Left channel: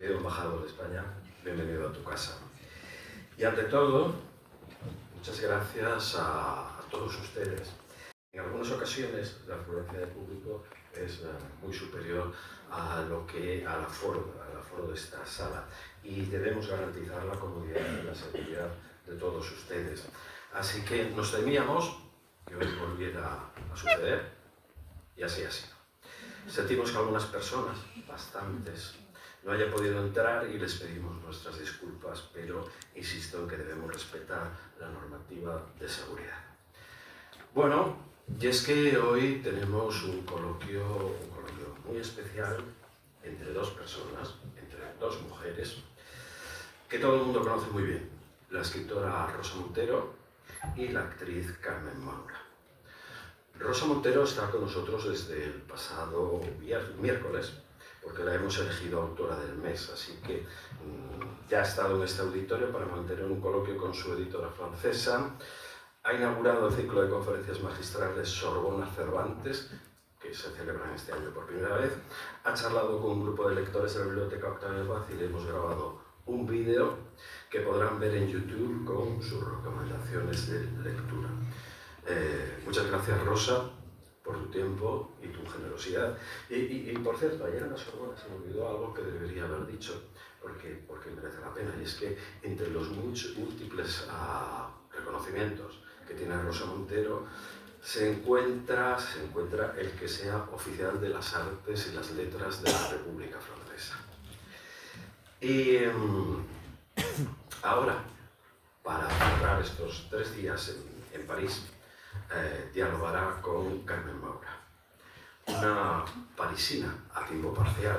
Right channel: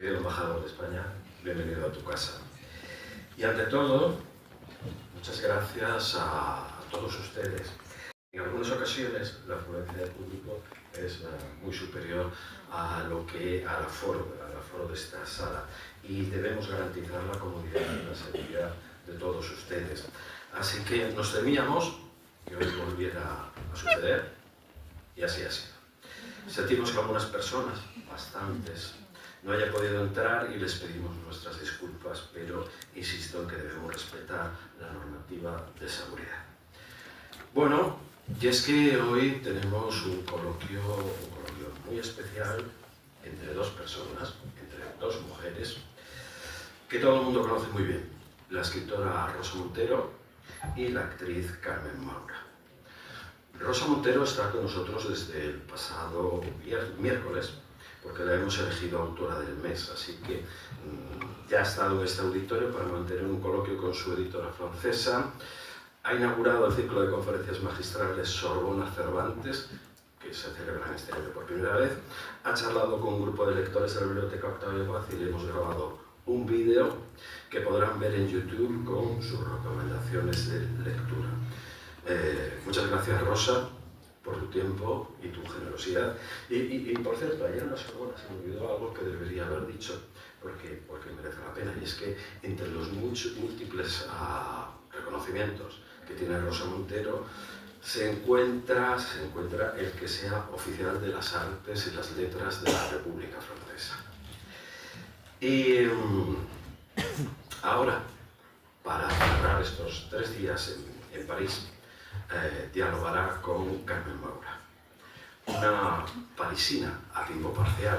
Embajador de España, bienvenido a tu casa. Y ante todo, muchas gracias a todos ustedes. En algunas ocasiones la afluencia de público es muy superior al aforo de esta sala y debemos garantizar la comodidad y la seguridad de todos ustedes. Así que nos temíamos que hoy volviera a suceder y así ha sido. Sentimos que algunas personas, bastantes, no hayan podido entrar y les pedimos nuestras disculpas, pero insisto en que debemos respetar la normativa de seguridad. Bueno, y es que hoy tenemos un coloquio muy especial entre dos personas, entre dos mujeres, que todo el mundo conoce muy bien, la escritora Rosa Montero y la actriz Carmen Maura. Rosa Montero está con nosotros desde el pasado miércoles, porque la hemos elegido autora del mes, así que ya ha estado en este auditorio para mantener un coloquio con su editora francesa. Ha inaugurado el ciclo de conferencias magistrales Sorbona Cervantes, que se celebran este año por primera vez. Ha charlado con un grupo de lectores de la Biblioteca Octavio Paz y le hemos grabado un vídeo que podrán ver en YouTube con sus recomendaciones de lectura. Muchas gracias, Rosa, por tu tiempo y tu generosidad. Y por cierto, ayer en la Sorbona se me olvidó algo que debería haber dicho, porque merece la pena, y es que entre los múltiples reconocimientos que tiene Rosa Montero se encuentra el que sea oficial de las artes y las letras de la República Francesa. Y ahora, para cerrar estos 3 días en París, dialogará con Carmen Maura, una parisina a tiempo parcial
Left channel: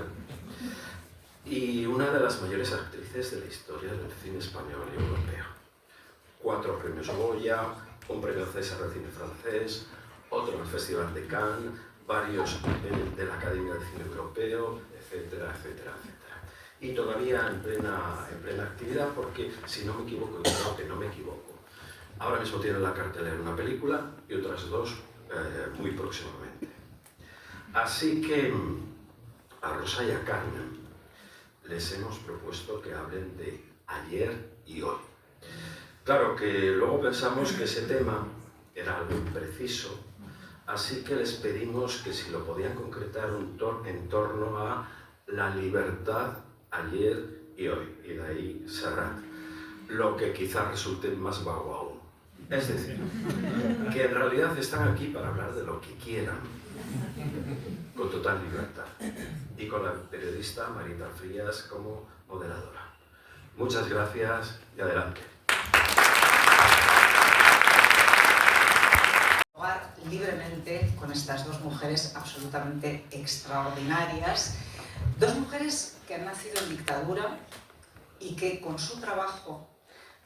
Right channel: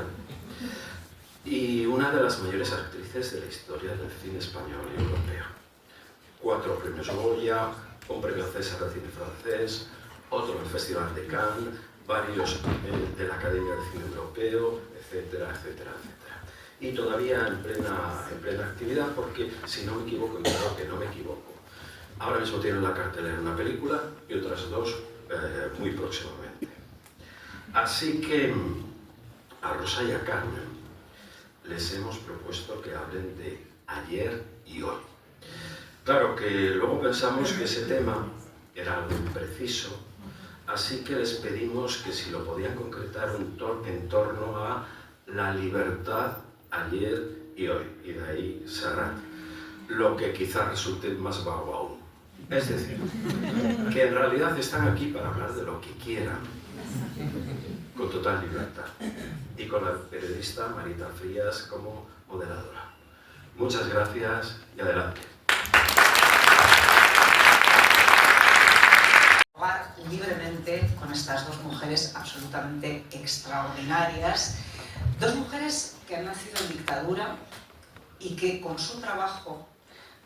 y una de las mayores actrices de la historia del cine español y europeo. 4 premios Goya, un premio César de cine francés, otro en el Festival de Cannes, varios de la Academia de Cine Europeo, etcétera, etcétera, etcétera. Y todavía en plena actividad, porque si no me equivoco, y creo que no me equivoco, ahora mismo tiene en la cartelera una película y otras 2 muy próximamente. Así que a Rosa y a Carmen les hemos propuesto que hablen de ayer y hoy. Claro que luego pensamos que ese tema era algo impreciso, así que les pedimos que si lo podían concretar en torno a la libertad ayer y hoy, y de ahí Serrat, lo que quizás resulte más vago aún. Es decir, que en realidad están aquí para hablar de lo que quieran, con total libertad, y con la periodista Marita Frías como moderadora. Muchas gracias y adelante. Libremente con estas 2 mujeres absolutamente extraordinarias, 2 mujeres que han nacido en dictadura y que con su trabajo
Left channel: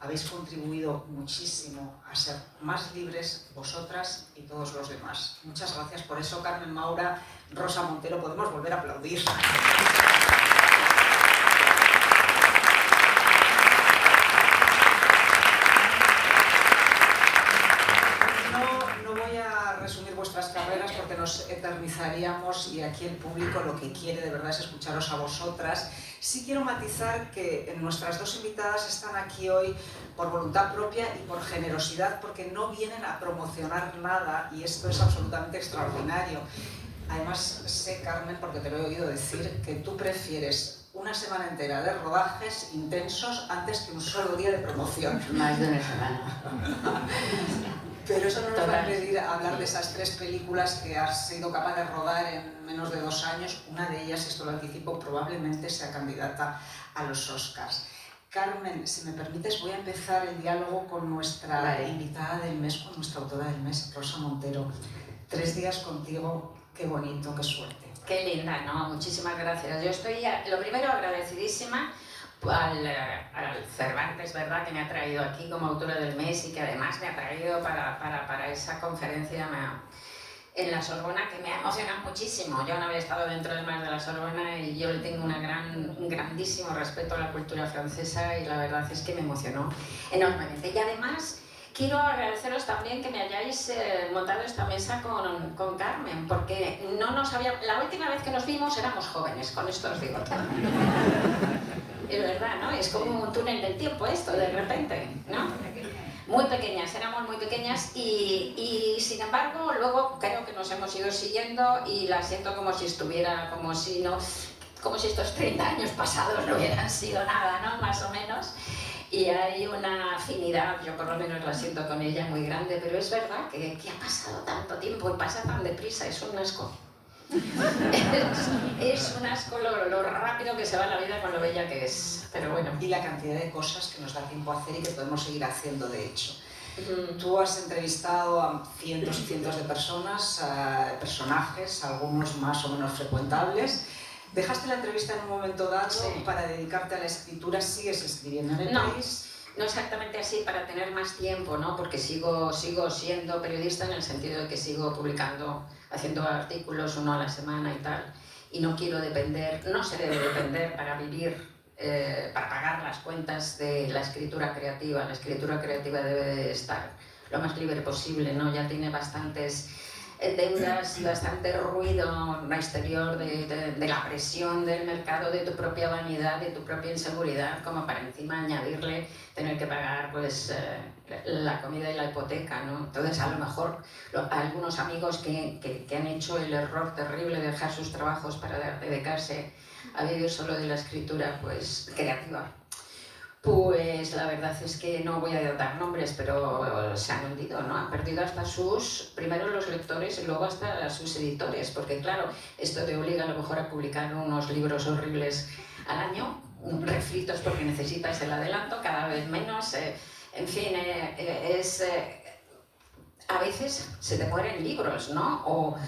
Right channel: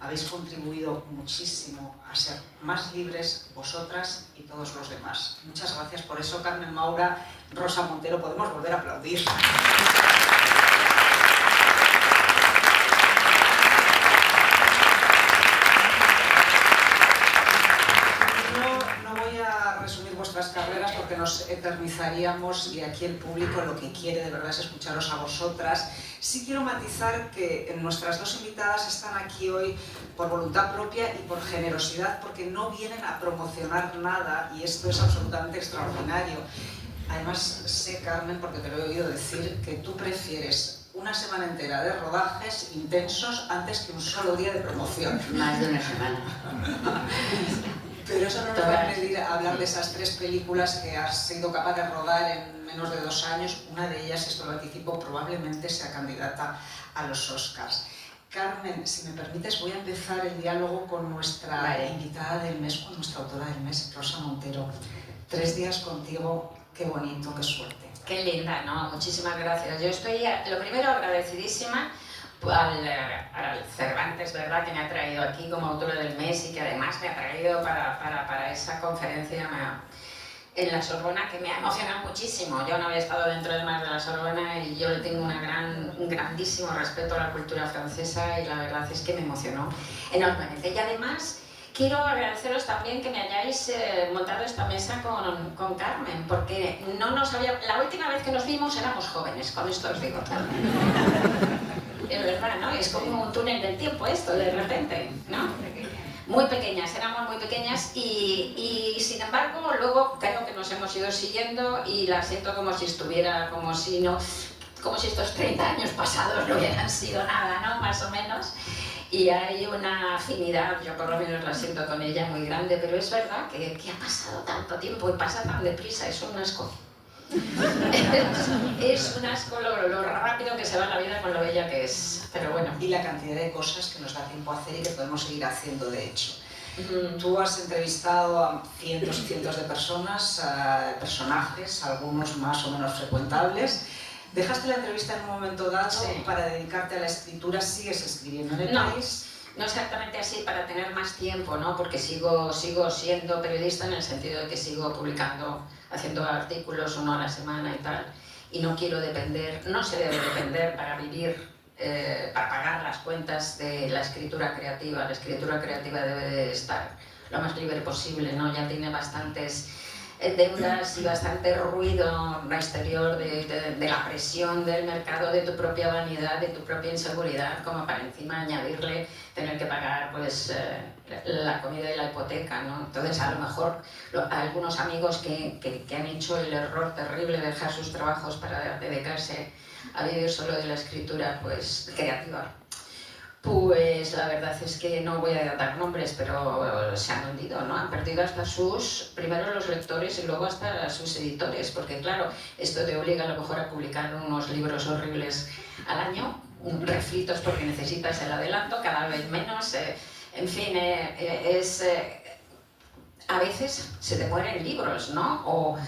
habéis contribuido muchísimo a ser más libres vosotras y todos los demás. Muchas gracias por eso, Carmen Maura, Rosa Montero, podemos volver a aplaudir. No voy a resumir vuestras carreras porque nos eternizaríamos y aquí el público lo que quiere de verdad es escucharos a vosotras. Sí quiero matizar que nuestras 2 invitadas están aquí hoy por voluntad propia y por generosidad, porque no vienen a promocionar nada y esto es absolutamente extraordinario. Además sé, Carmen, porque te lo he oído decir, que tú prefieres una semana entera de rodajes intensos antes que un solo día de promoción. Más de una semana. Pero eso no nos va a impedir hablar de esas 3 películas que has sido capaz de rodar en menos de 2 años. Una de ellas, esto lo anticipo, probablemente sea candidata a los Oscars. Carmen, si me permites, voy a empezar el diálogo con nuestra invitada del mes, con nuestra autora del mes, Rosa Montero. 3 días contigo, qué bonito, qué suerte. Qué linda, ¿no? Muchísimas gracias. Yo estoy, lo primero, agradecidísima al Cervantes, ¿verdad?, que me ha traído aquí como autora del mes y que además me ha traído para esa conferencia en la Sorbona, que me ha emocionado muchísimo. Yo no había estado dentro de más de la Sorbona y yo le tengo un grandísimo respeto a la cultura francesa y la verdad es que me emocionó enormemente. Y además quiero agradeceros también que me hayáis montado esta mesa con Carmen, porque la última vez que nos vimos éramos jóvenes, con esto os digo. Es como un túnel del tiempo esto, de repente, ¿no? Muy pequeñas, éramos muy pequeñas y sin embargo luego creo que nos hemos ido siguiendo y la siento como si estuviera, como si estos 30 años pasados no hubieran sido nada, ¿no? Más o menos. Y hay una afinidad, yo por lo menos la siento con ella muy grande, pero es verdad que ha pasado tanto tiempo y pasa tan deprisa, es un asco. Es un asco lo rápido que se va la vida con lo bella que es, pero bueno. Y la cantidad de cosas que nos da tiempo a hacer y que podemos seguir haciendo, de hecho. Tú has entrevistado a cientos y cientos de personas, a personajes, algunos más o menos frecuentables. ¿Dejaste la entrevista en un momento dado para dedicarte a la escritura? ¿Sigues escribiendo en el país? No exactamente así, para tener más tiempo, ¿no? Porque sigo siendo periodista en el sentido de que sigo publicando, haciendo artículos uno a la semana y tal. Y no quiero depender, no se debe depender para vivir, para pagar las cuentas de la escritura creativa. La escritura creativa debe de estar lo más libre posible, ¿no? Ya tiene bastantes deudas y bastante ruido exterior de la presión del mercado, de tu propia vanidad, de tu propia inseguridad, como para encima añadirle tener que pagar pues la comida y la hipoteca, ¿no? Entonces a lo mejor algunos amigos que han hecho el error terrible de dejar sus trabajos para dedicarse a vivir solo de la escritura pues creativa, pues la verdad es que no voy a dar nombres, pero se han hundido, ¿no? Han perdido hasta primero los lectores y luego hasta sus editores, porque claro, esto te obliga a lo mejor a publicar unos libros horribles al año, refritos porque necesitas el adelanto, cada vez menos, en fin, a veces se te mueren libros, ¿no? O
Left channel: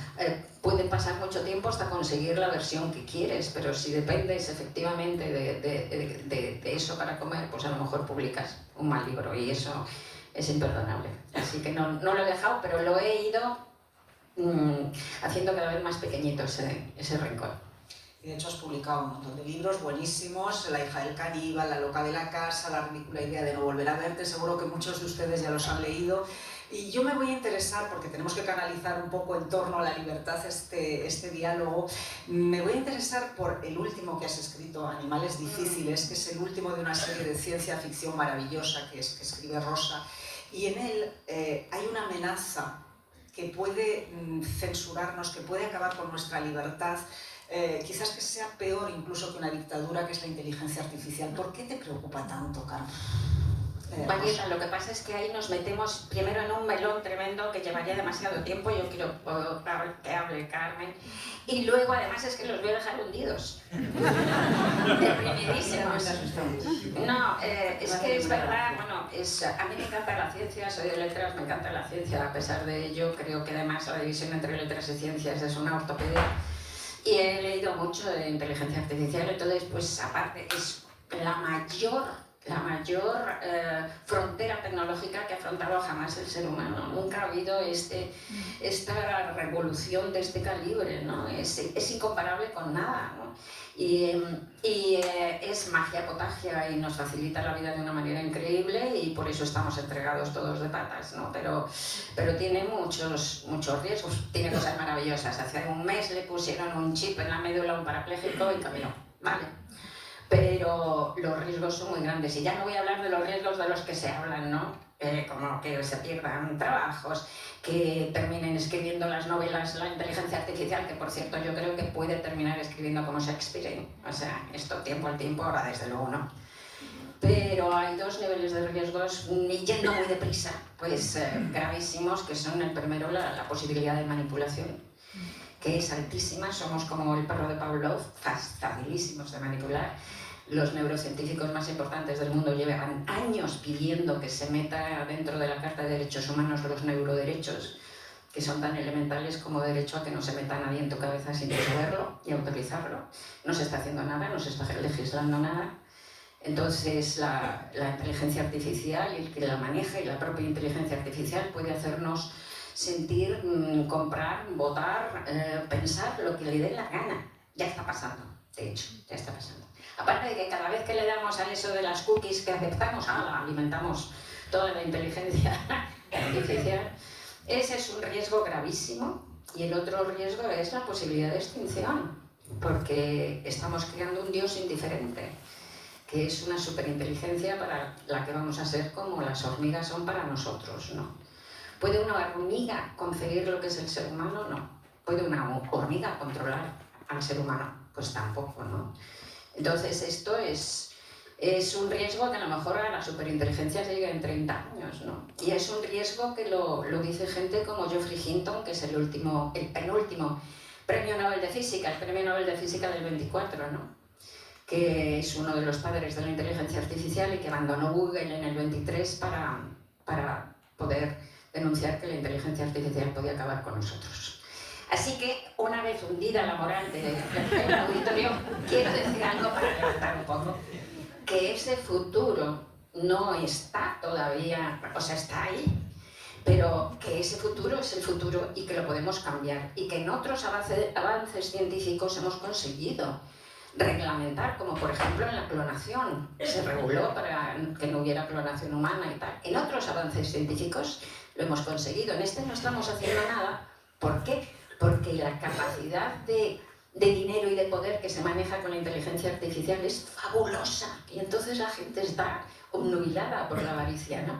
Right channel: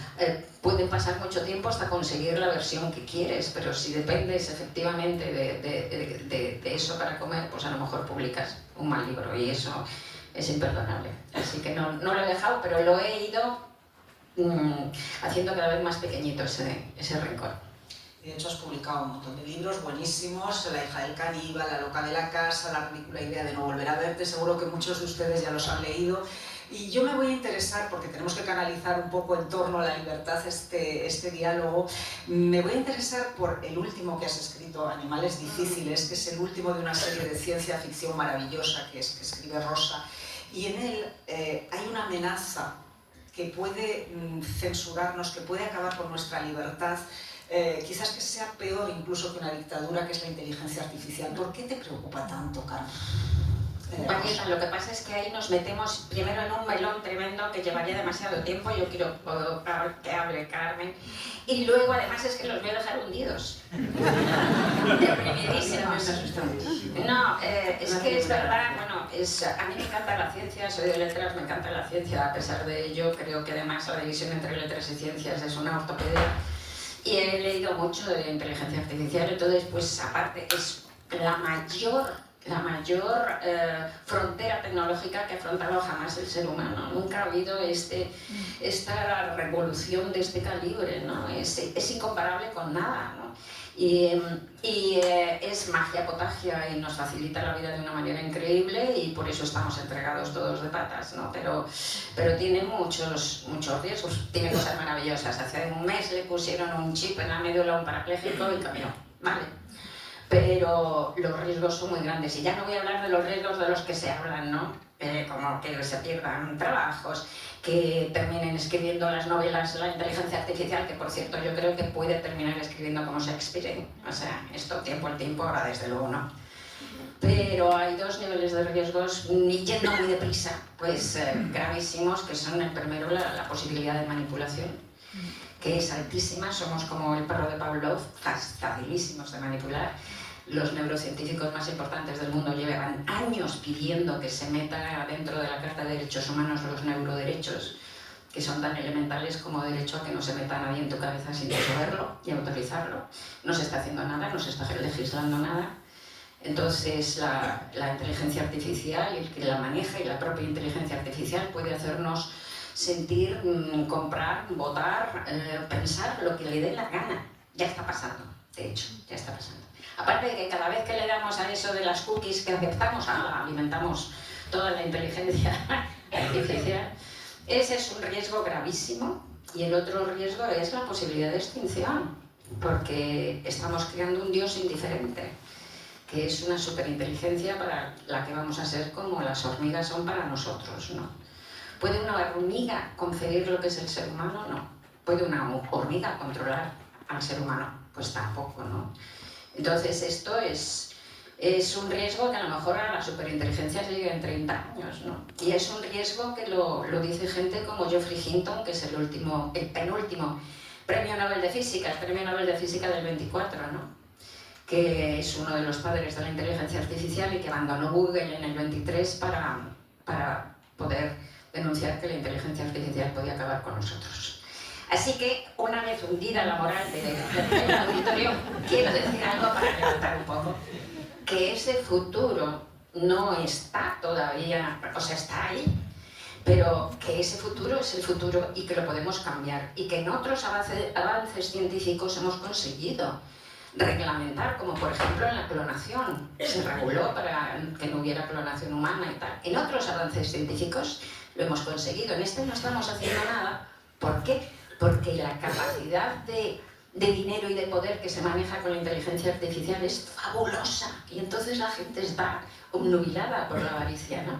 pueden pasar mucho tiempo hasta conseguir la versión que quieres, pero si dependes efectivamente de eso para comer, pues a lo mejor publicas un mal libro y eso es imperdonable. Así que no lo he dejado, pero lo he ido haciendo cada vez más pequeñito ese rincón. De hecho, has publicado un montón de libros buenísimos: La hija del caníbal, La loca de la casa, La ridícula idea de no volver a verte. Seguro que muchos de ustedes ya los han leído. Y yo me voy a interesar, porque tenemos que canalizar un poco en torno a la libertad este diálogo, me voy a interesar por el último que has escrito, Animales difíciles, que es el último de una serie de ciencia ficción maravillosa que escribe Rosa. Y en él hay una amenaza que puede censurarnos, que puede acabar con nuestra libertad, quizás que sea peor incluso que una dictadura, que es la inteligencia artificial. ¿Por qué te preocupa tanto, Carmen? Mariela, lo que pasa es que ahí nos metemos primero en un melón tremendo que llevaría demasiado tiempo. Yo quiero que hable Carmen. Y luego además es que los voy a dejar hundidos. Deprimidísimos. No, es que es verdad, bueno, a mí me encanta la ciencia, soy de letras, me encanta la ciencia. A pesar de ello, creo que además la división entre letras y ciencias es una ortopedia. Y he leído mucho de inteligencia artificial, entonces pues aparte es la mayor frontera tecnológica que ha afrontado jamás el ser humano. Nunca ha habido esta revolución de este calibre, ¿no? Es incomparable con nada, ¿no? Y es magia potagia y nos facilita la vida de una manera increíble y por eso estamos entregados todos de patas, ¿no? Pero tiene muchos riesgos, tiene cosas maravillosas. Hace un mes le pusieron un chip en la médula a un parapléjico y caminó, ¿vale? Pero los riesgos son muy grandes y ya no voy a hablar de los riesgos de los que se hablan, ¿no? Como que se pierdan trabajos, que terminen escribiendo las novelas la inteligencia artificial, que por cierto yo creo que puede terminar escribiendo como Shakespeare, o sea, esto tiempo al tiempo, ahora desde luego no. Pero hay dos niveles de riesgos, yendo muy deprisa, pues gravísimos, que son el primero la posibilidad de manipulación, que es altísima. Somos como el perro de Pavlov, facilísimos de manipular. Los neurocientíficos más importantes del mundo llevan años pidiendo que se meta dentro de la Carta de Derechos Humanos los neuroderechos, que son tan elementales como derecho a que no se meta nadie en tu cabeza sin saberlo y autorizarlo. No se está haciendo nada, no se está legislando nada. Entonces la inteligencia artificial, el que la maneja y la propia inteligencia artificial puede hacernos sentir, comprar, votar, pensar lo que le dé la gana. Ya está pasando, de hecho, ya está pasando. Aparte de que cada vez que le damos a eso de las cookies que aceptamos, alimentamos toda la inteligencia artificial. Ese es un riesgo gravísimo. Y el otro riesgo es la posibilidad de extinción, porque estamos creando un Dios indiferente. que es una superinteligencia para la que vamos a ser como las hormigas son para nosotros, ¿no? ¿Puede una hormiga concebir lo que es el ser humano? No. ¿Puede una hormiga controlar al ser humano? Pues tampoco, ¿no? Entonces esto es un riesgo que a lo mejor a la superinteligencia llegue en 30 años, ¿no? Y es un riesgo que lo dice gente como Geoffrey Hinton, que es el penúltimo premio Nobel de Física, el premio Nobel de Física del 24, ¿no? Que es uno de los padres de la inteligencia artificial y que abandonó Google en el 23 para poder denunciar que la inteligencia artificial podía acabar con nosotros. Así que, una vez hundida la moral del auditorio, quiero decir algo para levantar un poco, que ese futuro no está todavía, o sea, está ahí, pero que ese futuro es el futuro y que lo podemos cambiar y que en otros avances científicos hemos conseguido reglamentar, como por ejemplo en la clonación, se reguló para que no hubiera clonación humana y tal. En otros avances científicos lo hemos conseguido, en este no estamos haciendo nada. ¿Por qué? Porque la capacidad de dinero y de poder que se maneja con la inteligencia artificial es fabulosa y entonces la gente está obnubilada por la avaricia, ¿no?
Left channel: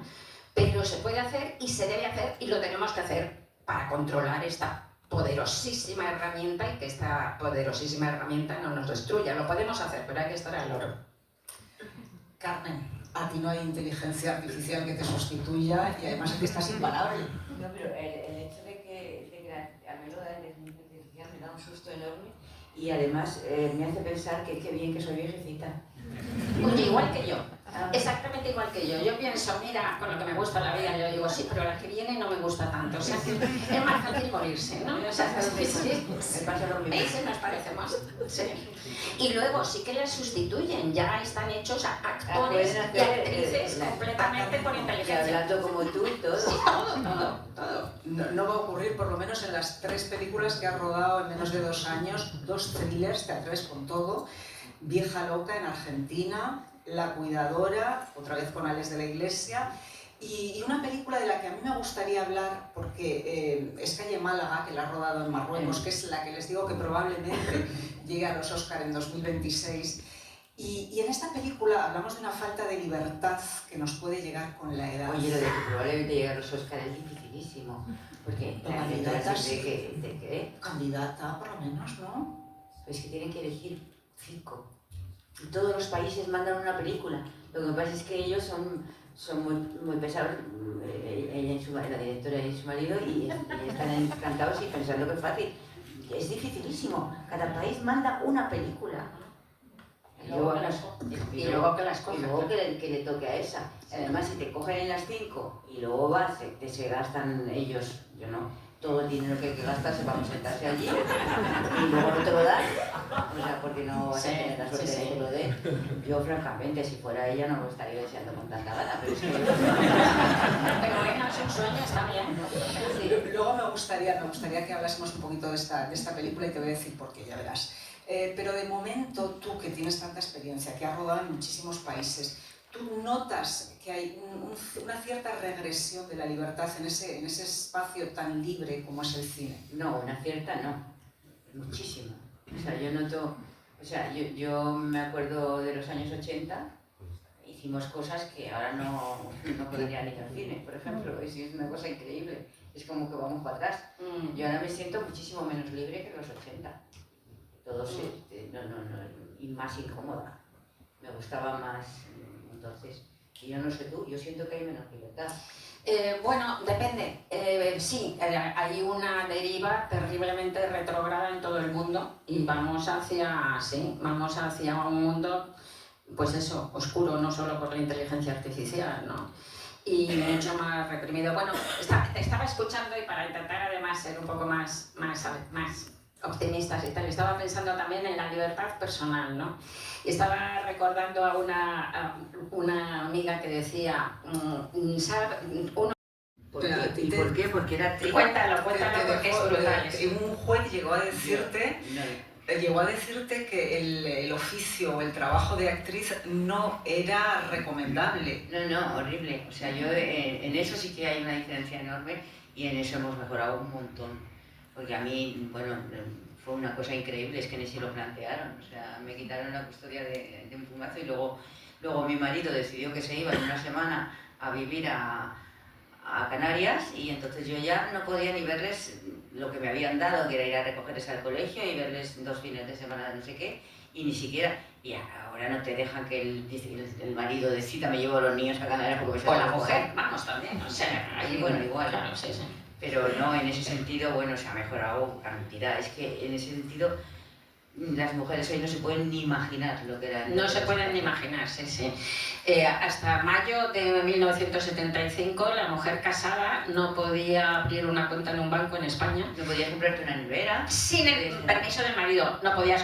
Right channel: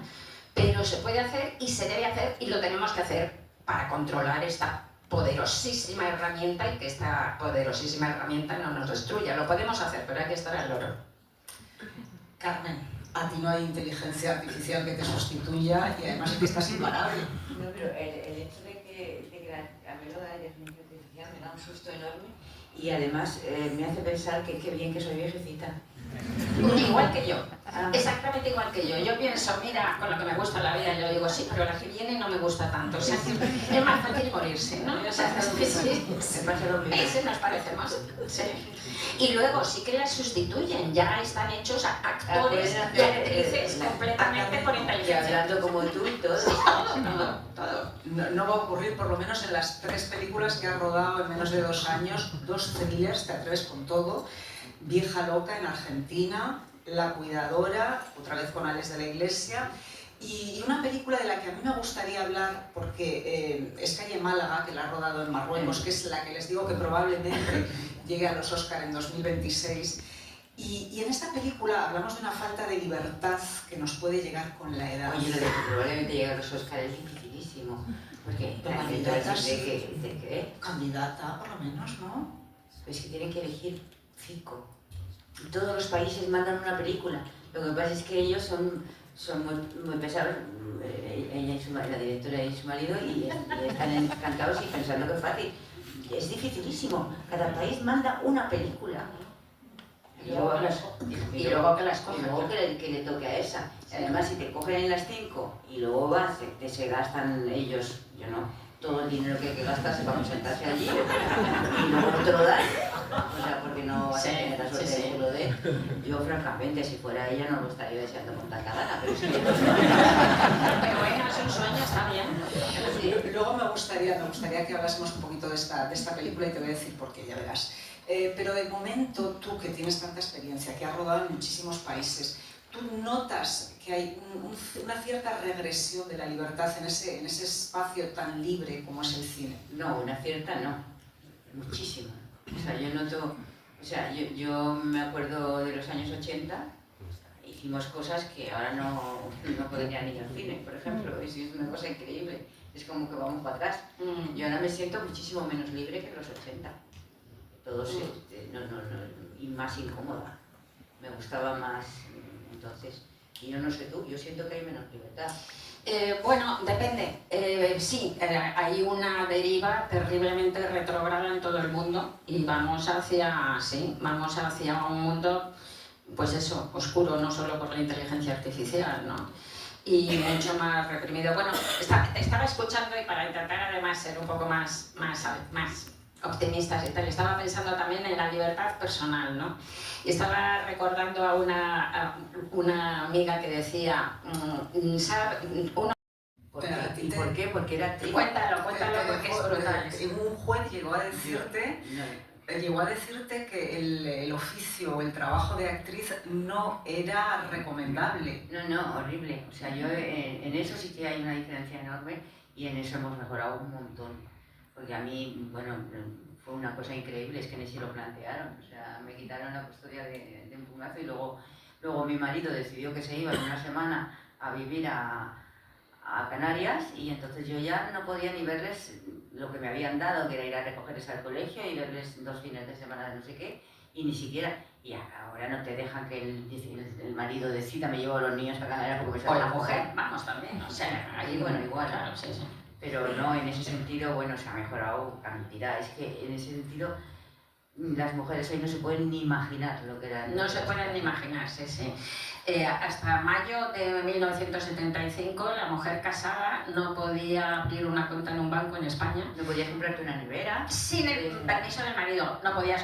Pero se puede hacer y se debe hacer y lo tenemos que hacer para controlar esta poderosísima herramienta y que esta poderosísima herramienta no nos destruya. Lo podemos hacer, pero hay que estar al loro. Carmen, a ti no hay inteligencia artificial que te sustituya y además es que estás imparable. No, pero el hecho de que a mí lo de la inteligencia artificial me da un susto enorme y además me hace pensar que qué bien que soy viejecita. Igual que yo, exactamente igual que yo. Yo pienso, mira, con lo que me gusta la vida, yo digo, sí, pero la que viene no me gusta tanto. O sea, es más fácil morirse, ¿no? O sea, sí, eso nos parecemos. Sí. Y luego sí que las sustituyen, ya están hechos actores y actrices completamente por inteligencia. Hablando como tú, todo. Sí, todo. No va a ocurrir, por lo menos en las 3 películas que ha rodado en menos de 2 años, 2 thrillers, Te atreves con todo, Vieja loca en Argentina, La cuidadora, otra vez con Alex de la Iglesia, y una película de la que a mí me gustaría hablar, porque es Calle Málaga, que la ha rodado en Marruecos, que es la que les digo que probablemente llegue a los Oscar en 2026. Y en esta película hablamos de una falta de libertad que nos puede llegar con la edad. Oye, lo de que probablemente llegue a los Oscar es dificilísimo, porque la candidata de que candidata, por lo menos, ¿no? Es que tienen que elegir 5. Y todos los países mandan una película. Lo que pasa es que ellos son muy pesados, la directora y su marido, y están encantados y pensando que es fácil. Es dificilísimo. Cada país manda una película. Y luego que las cogen. Y luego que le toque a esa. Además, si te cogen en las 5 y luego vas, se gastan ellos, yo no, todo el dinero que gastas se va a sentarse allí y luego te lo dan. O sea, porque no vas a tener la suerte de que lo dé. Yo, francamente, si fuera ella, no lo estaría deseando con tanta gana, pero es que... Pero bueno, es un sueño, está bien. Sí. Luego me gustaría que hablásemos un poquito de esta película y te voy a decir por qué, ya verás. Pero de momento, tú que tienes tanta experiencia, que has rodado en muchísimos países, ¿tú notas que hay una cierta regresión de la libertad en ese espacio tan libre como es el cine? No, una cierta no, muchísima. O sea, yo noto, yo me acuerdo de los años 80, hicimos cosas que ahora no podrían ir al cine, por ejemplo, es una cosa increíble, es como que vamos para atrás. Yo ahora me siento muchísimo menos libre que en los 80, todos, y más incómoda, me gustaba más, entonces, y yo no sé tú, yo siento que hay menos libertad. Bueno, depende. Sí, hay una deriva terriblemente retrógrada en todo el mundo y vamos hacia un mundo, pues eso, oscuro, no solo por la inteligencia artificial, ¿no? Y mucho más reprimido. Bueno, estaba escuchando y para intentar además ser un poco más optimistas y tal, estaba pensando también en la libertad personal, ¿no? Y estaba recordando a una amiga que decía, ¿Por qué? Porque era actriz. Cuéntalo, porque es brutal. Un juez llegó a decirte que el oficio o el trabajo de actriz no era recomendable. No, horrible. O sea, yo en eso sí que hay una diferencia enorme y en eso hemos mejorado un montón. Porque a mí, bueno, fue una cosa increíble, es que ni si lo plantearon. O sea, me quitaron la custodia de un plumazo y luego Luego mi marido decidió que se iba en una semana a vivir a Canarias y entonces yo ya no podía ni verles lo que me habían dado, que era ir a recogerles al colegio y verles 2 fines de semana de no sé qué, y ni siquiera, y ahora no te dejan que el marido decida, me llevo a los niños a Canarias porque se O van la a mujer, coger. vamos también, o sea, Y bueno, igual, claro, sí, sí. pero no, en ese sentido, bueno, se ha mejorado cantidad, es que en ese sentido las mujeres hoy no se pueden ni imaginar lo que eran. No se pueden ni imaginar, sí, sí. Hasta mayo de 1975 la mujer casada no podía abrir una cuenta en un banco en España. No podías comprarte una nevera. Sin el permiso del marido. No podías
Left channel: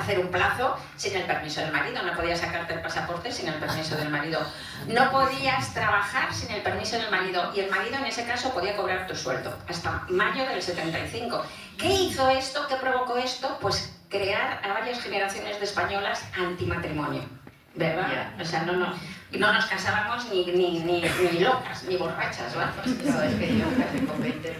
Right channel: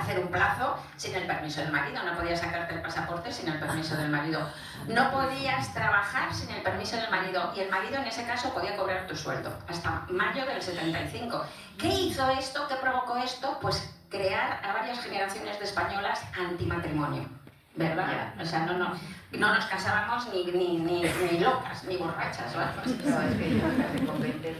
hacer un plazo sin el permiso del marido. No podías sacarte el pasaporte sin el permiso del marido. No podías trabajar sin el permiso del marido. Y el marido en ese caso podía cobrar tu sueldo. Hasta mayo del 75. ¿Qué hizo esto? ¿Qué provocó esto? Pues crear a varias generaciones de españolas antimatrimonio. ¿Verdad? O sea, no nos casábamos ni locas, ni borrachas, ¿verdad? No, es que yo me casé con 20.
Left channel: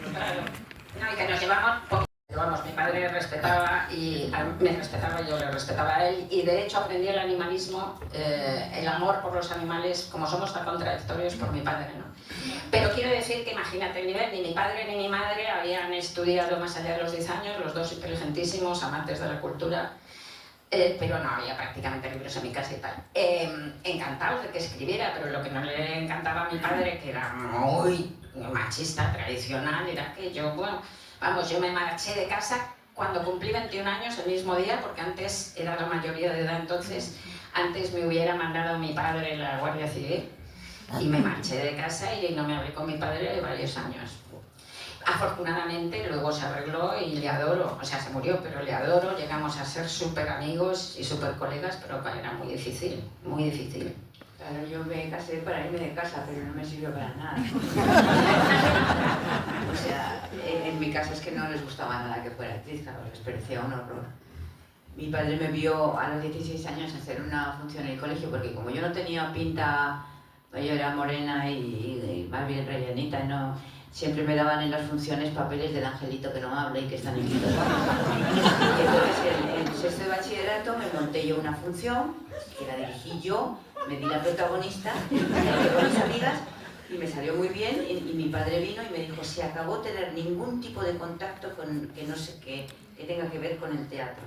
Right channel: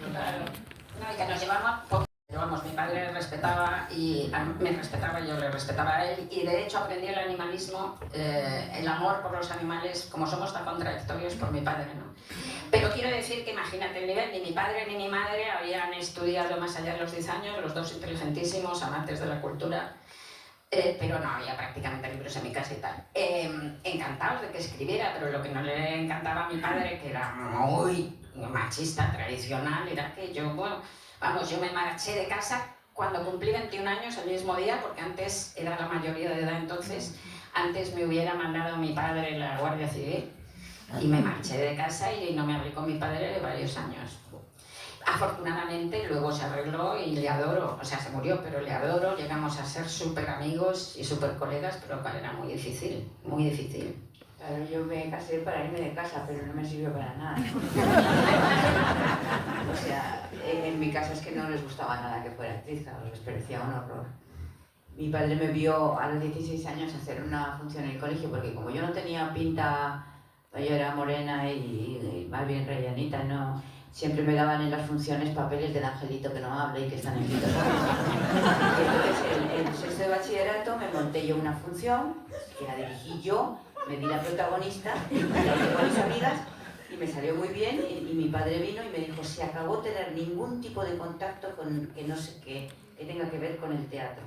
No, y que nos llevamos poco. Vamos, mi padre respetaba y me respetaba, yo le respetaba a él, y de hecho aprendí el animalismo, el amor por los animales, como somos tan contradictorios, por mi padre, ¿no? Pero quiero decir que imagínate el nivel, ni mi padre ni mi madre habían estudiado más allá de los 10 años, los dos inteligentísimos, amantes de la cultura. Pero no había prácticamente libros en mi casa y tal. Encantados de que escribiera, pero lo que no le encantaba a mi padre, que era muy machista, tradicional, era que yo, bueno, vamos, yo me marché de casa cuando cumplí 21 años, el mismo día, porque antes era la mayoría de edad entonces, antes me hubiera mandado mi padre la Guardia Civil y me marché de casa y no me hablé con mi padre varios años. Afortunadamente luego se arregló y le adoro, o sea, se murió, pero le adoro, llegamos a ser súper amigos y súper colegas, pero era muy difícil, muy difícil. Claro, yo me casé para irme de casa, pero no me sirvió para nada. O sea, en mi casa es que no les gustaba nada que fuera actriz, claro, les parecía un horror. Mi padre me vio a los 16 años hacer una función en el colegio, porque como yo no tenía pinta, yo era morena y más bien rellenita, no... Siempre me daban en las funciones papeles del angelito que no habla y que están en quinto. Entonces, en sexto de bachillerato me monté yo una función, que la dirigí yo, me di la protagonista, la con mis amigas, y me salió muy bien, y mi padre vino y me dijo, se acabó tener ningún tipo de contacto con que no sé qué, que tenga que ver con el teatro.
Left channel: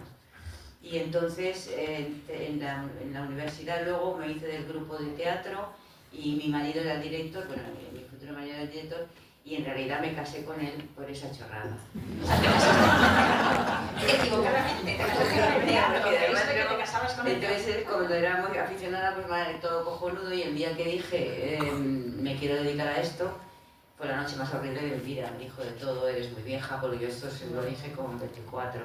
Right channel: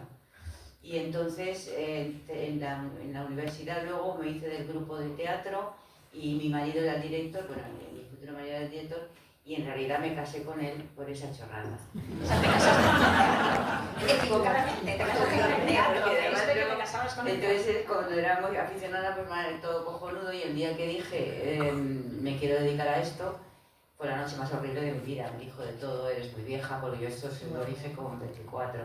Y entonces, en la universidad luego me hice del grupo de teatro, y mi marido era el director, bueno, mi futuro marido era el director, y en realidad me casé con él por esa chorrada. Equivocadamente, entonces, cuando éramos aficionadas, pues todo cojonudo, y el día que dije, me quiero dedicar a esto, fue la noche más horrible de mi vida. Me dijo de todo, eres muy vieja, porque yo esto se lo dije con 24.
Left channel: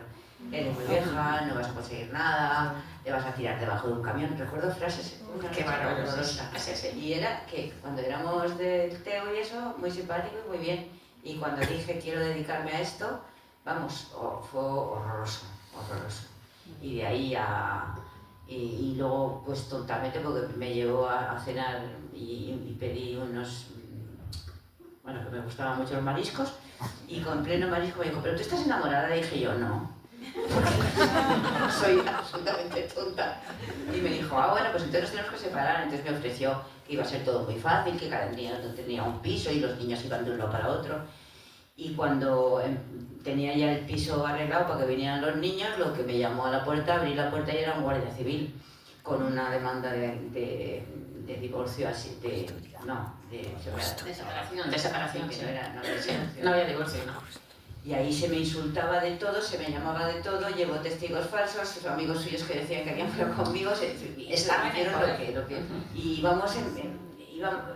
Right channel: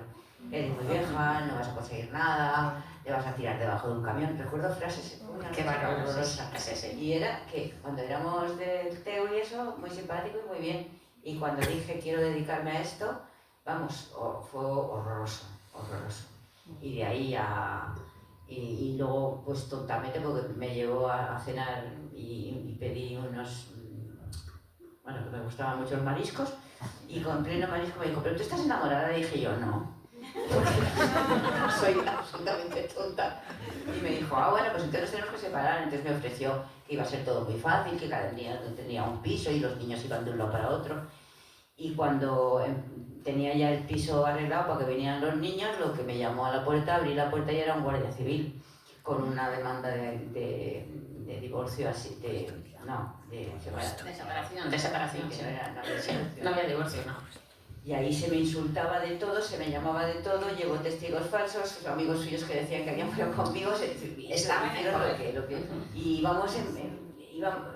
Eres muy vieja, no vas a conseguir nada, te vas a tirar debajo de un camión. Recuerdo frases qué horrorosas. Y era que cuando éramos del Teo y eso, muy simpático y muy bien. Y cuando dije quiero dedicarme a esto, vamos, fue horroroso, horroroso. Y de ahí y luego, pues tontamente, porque me llevó a cenar y pedí unos... Bueno, me gustaban mucho los mariscos. Y con pleno marisco me dijo, ¿pero tú estás enamorada? Y dije yo, no. Soy absolutamente tonta. Y me dijo, bueno, pues entonces nos tenemos que separar. Entonces me ofreció que iba a ser todo muy fácil, que cada día tenía un piso y los niños iban de un lado para otro. Y cuando tenía ya el piso arreglado para que vinieran los niños, lo que me llamó a la puerta, abrí la puerta y era un guardia civil con una demanda de divorcio, así, de separación. De separación, que sí. No No había divorcio, no. Y ahí se me insultaba de todo, se me llamaba de todo, llevó testigos falsos, sus amigos suyos que decían que habían fuego conmigo, Estaban en lo que y íbamos,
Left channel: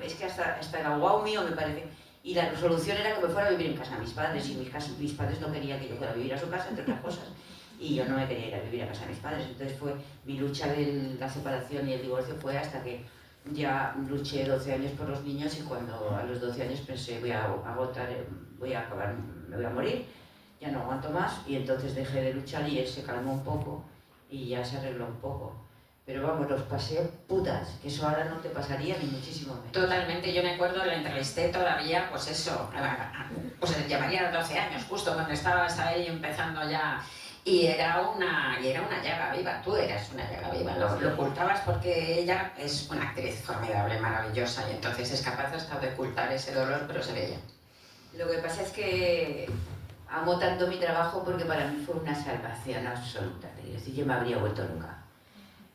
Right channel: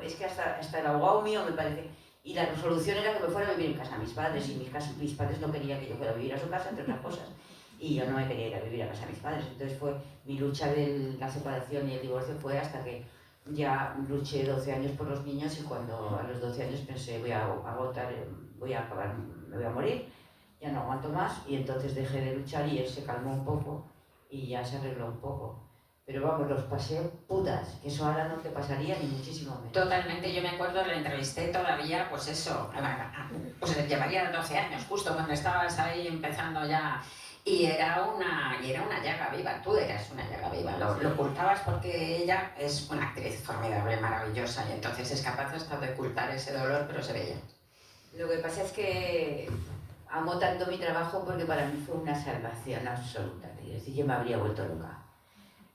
es que hasta era guau mío me parece. Y la resolución era que me fuera a vivir en casa de mis padres, y mis padres no querían que yo fuera a vivir a su casa, entre otras cosas. Y yo no me quería ir a vivir a casa de mis padres. Entonces fue mi lucha de la separación y el divorcio fue hasta que ya luché 12 años por los niños, y cuando a los 12 años pensé voy a agotar, voy a acabar, me voy a morir, ya no aguanto más, y entonces dejé de luchar y él se calmó un poco y ya se arregló un poco. Pero vamos, los pasé putas, que eso ahora no te pasaría ni muchísimo menos. Totalmente, yo me acuerdo, la entrevisté todavía, pues eso, pues llevaría 12 años, justo cuando estabas ahí empezando ya. Y era una llaga viva, tú eras una llaga viva, lo ocultabas porque ella es una actriz formidable, maravillosa, y entonces es capaz hasta de ocultar ese dolor, pero se veía. Lo que pasa es que amo tanto mi trabajo porque para mí fue una salvación absoluta. Es decir, yo me habría vuelto loca.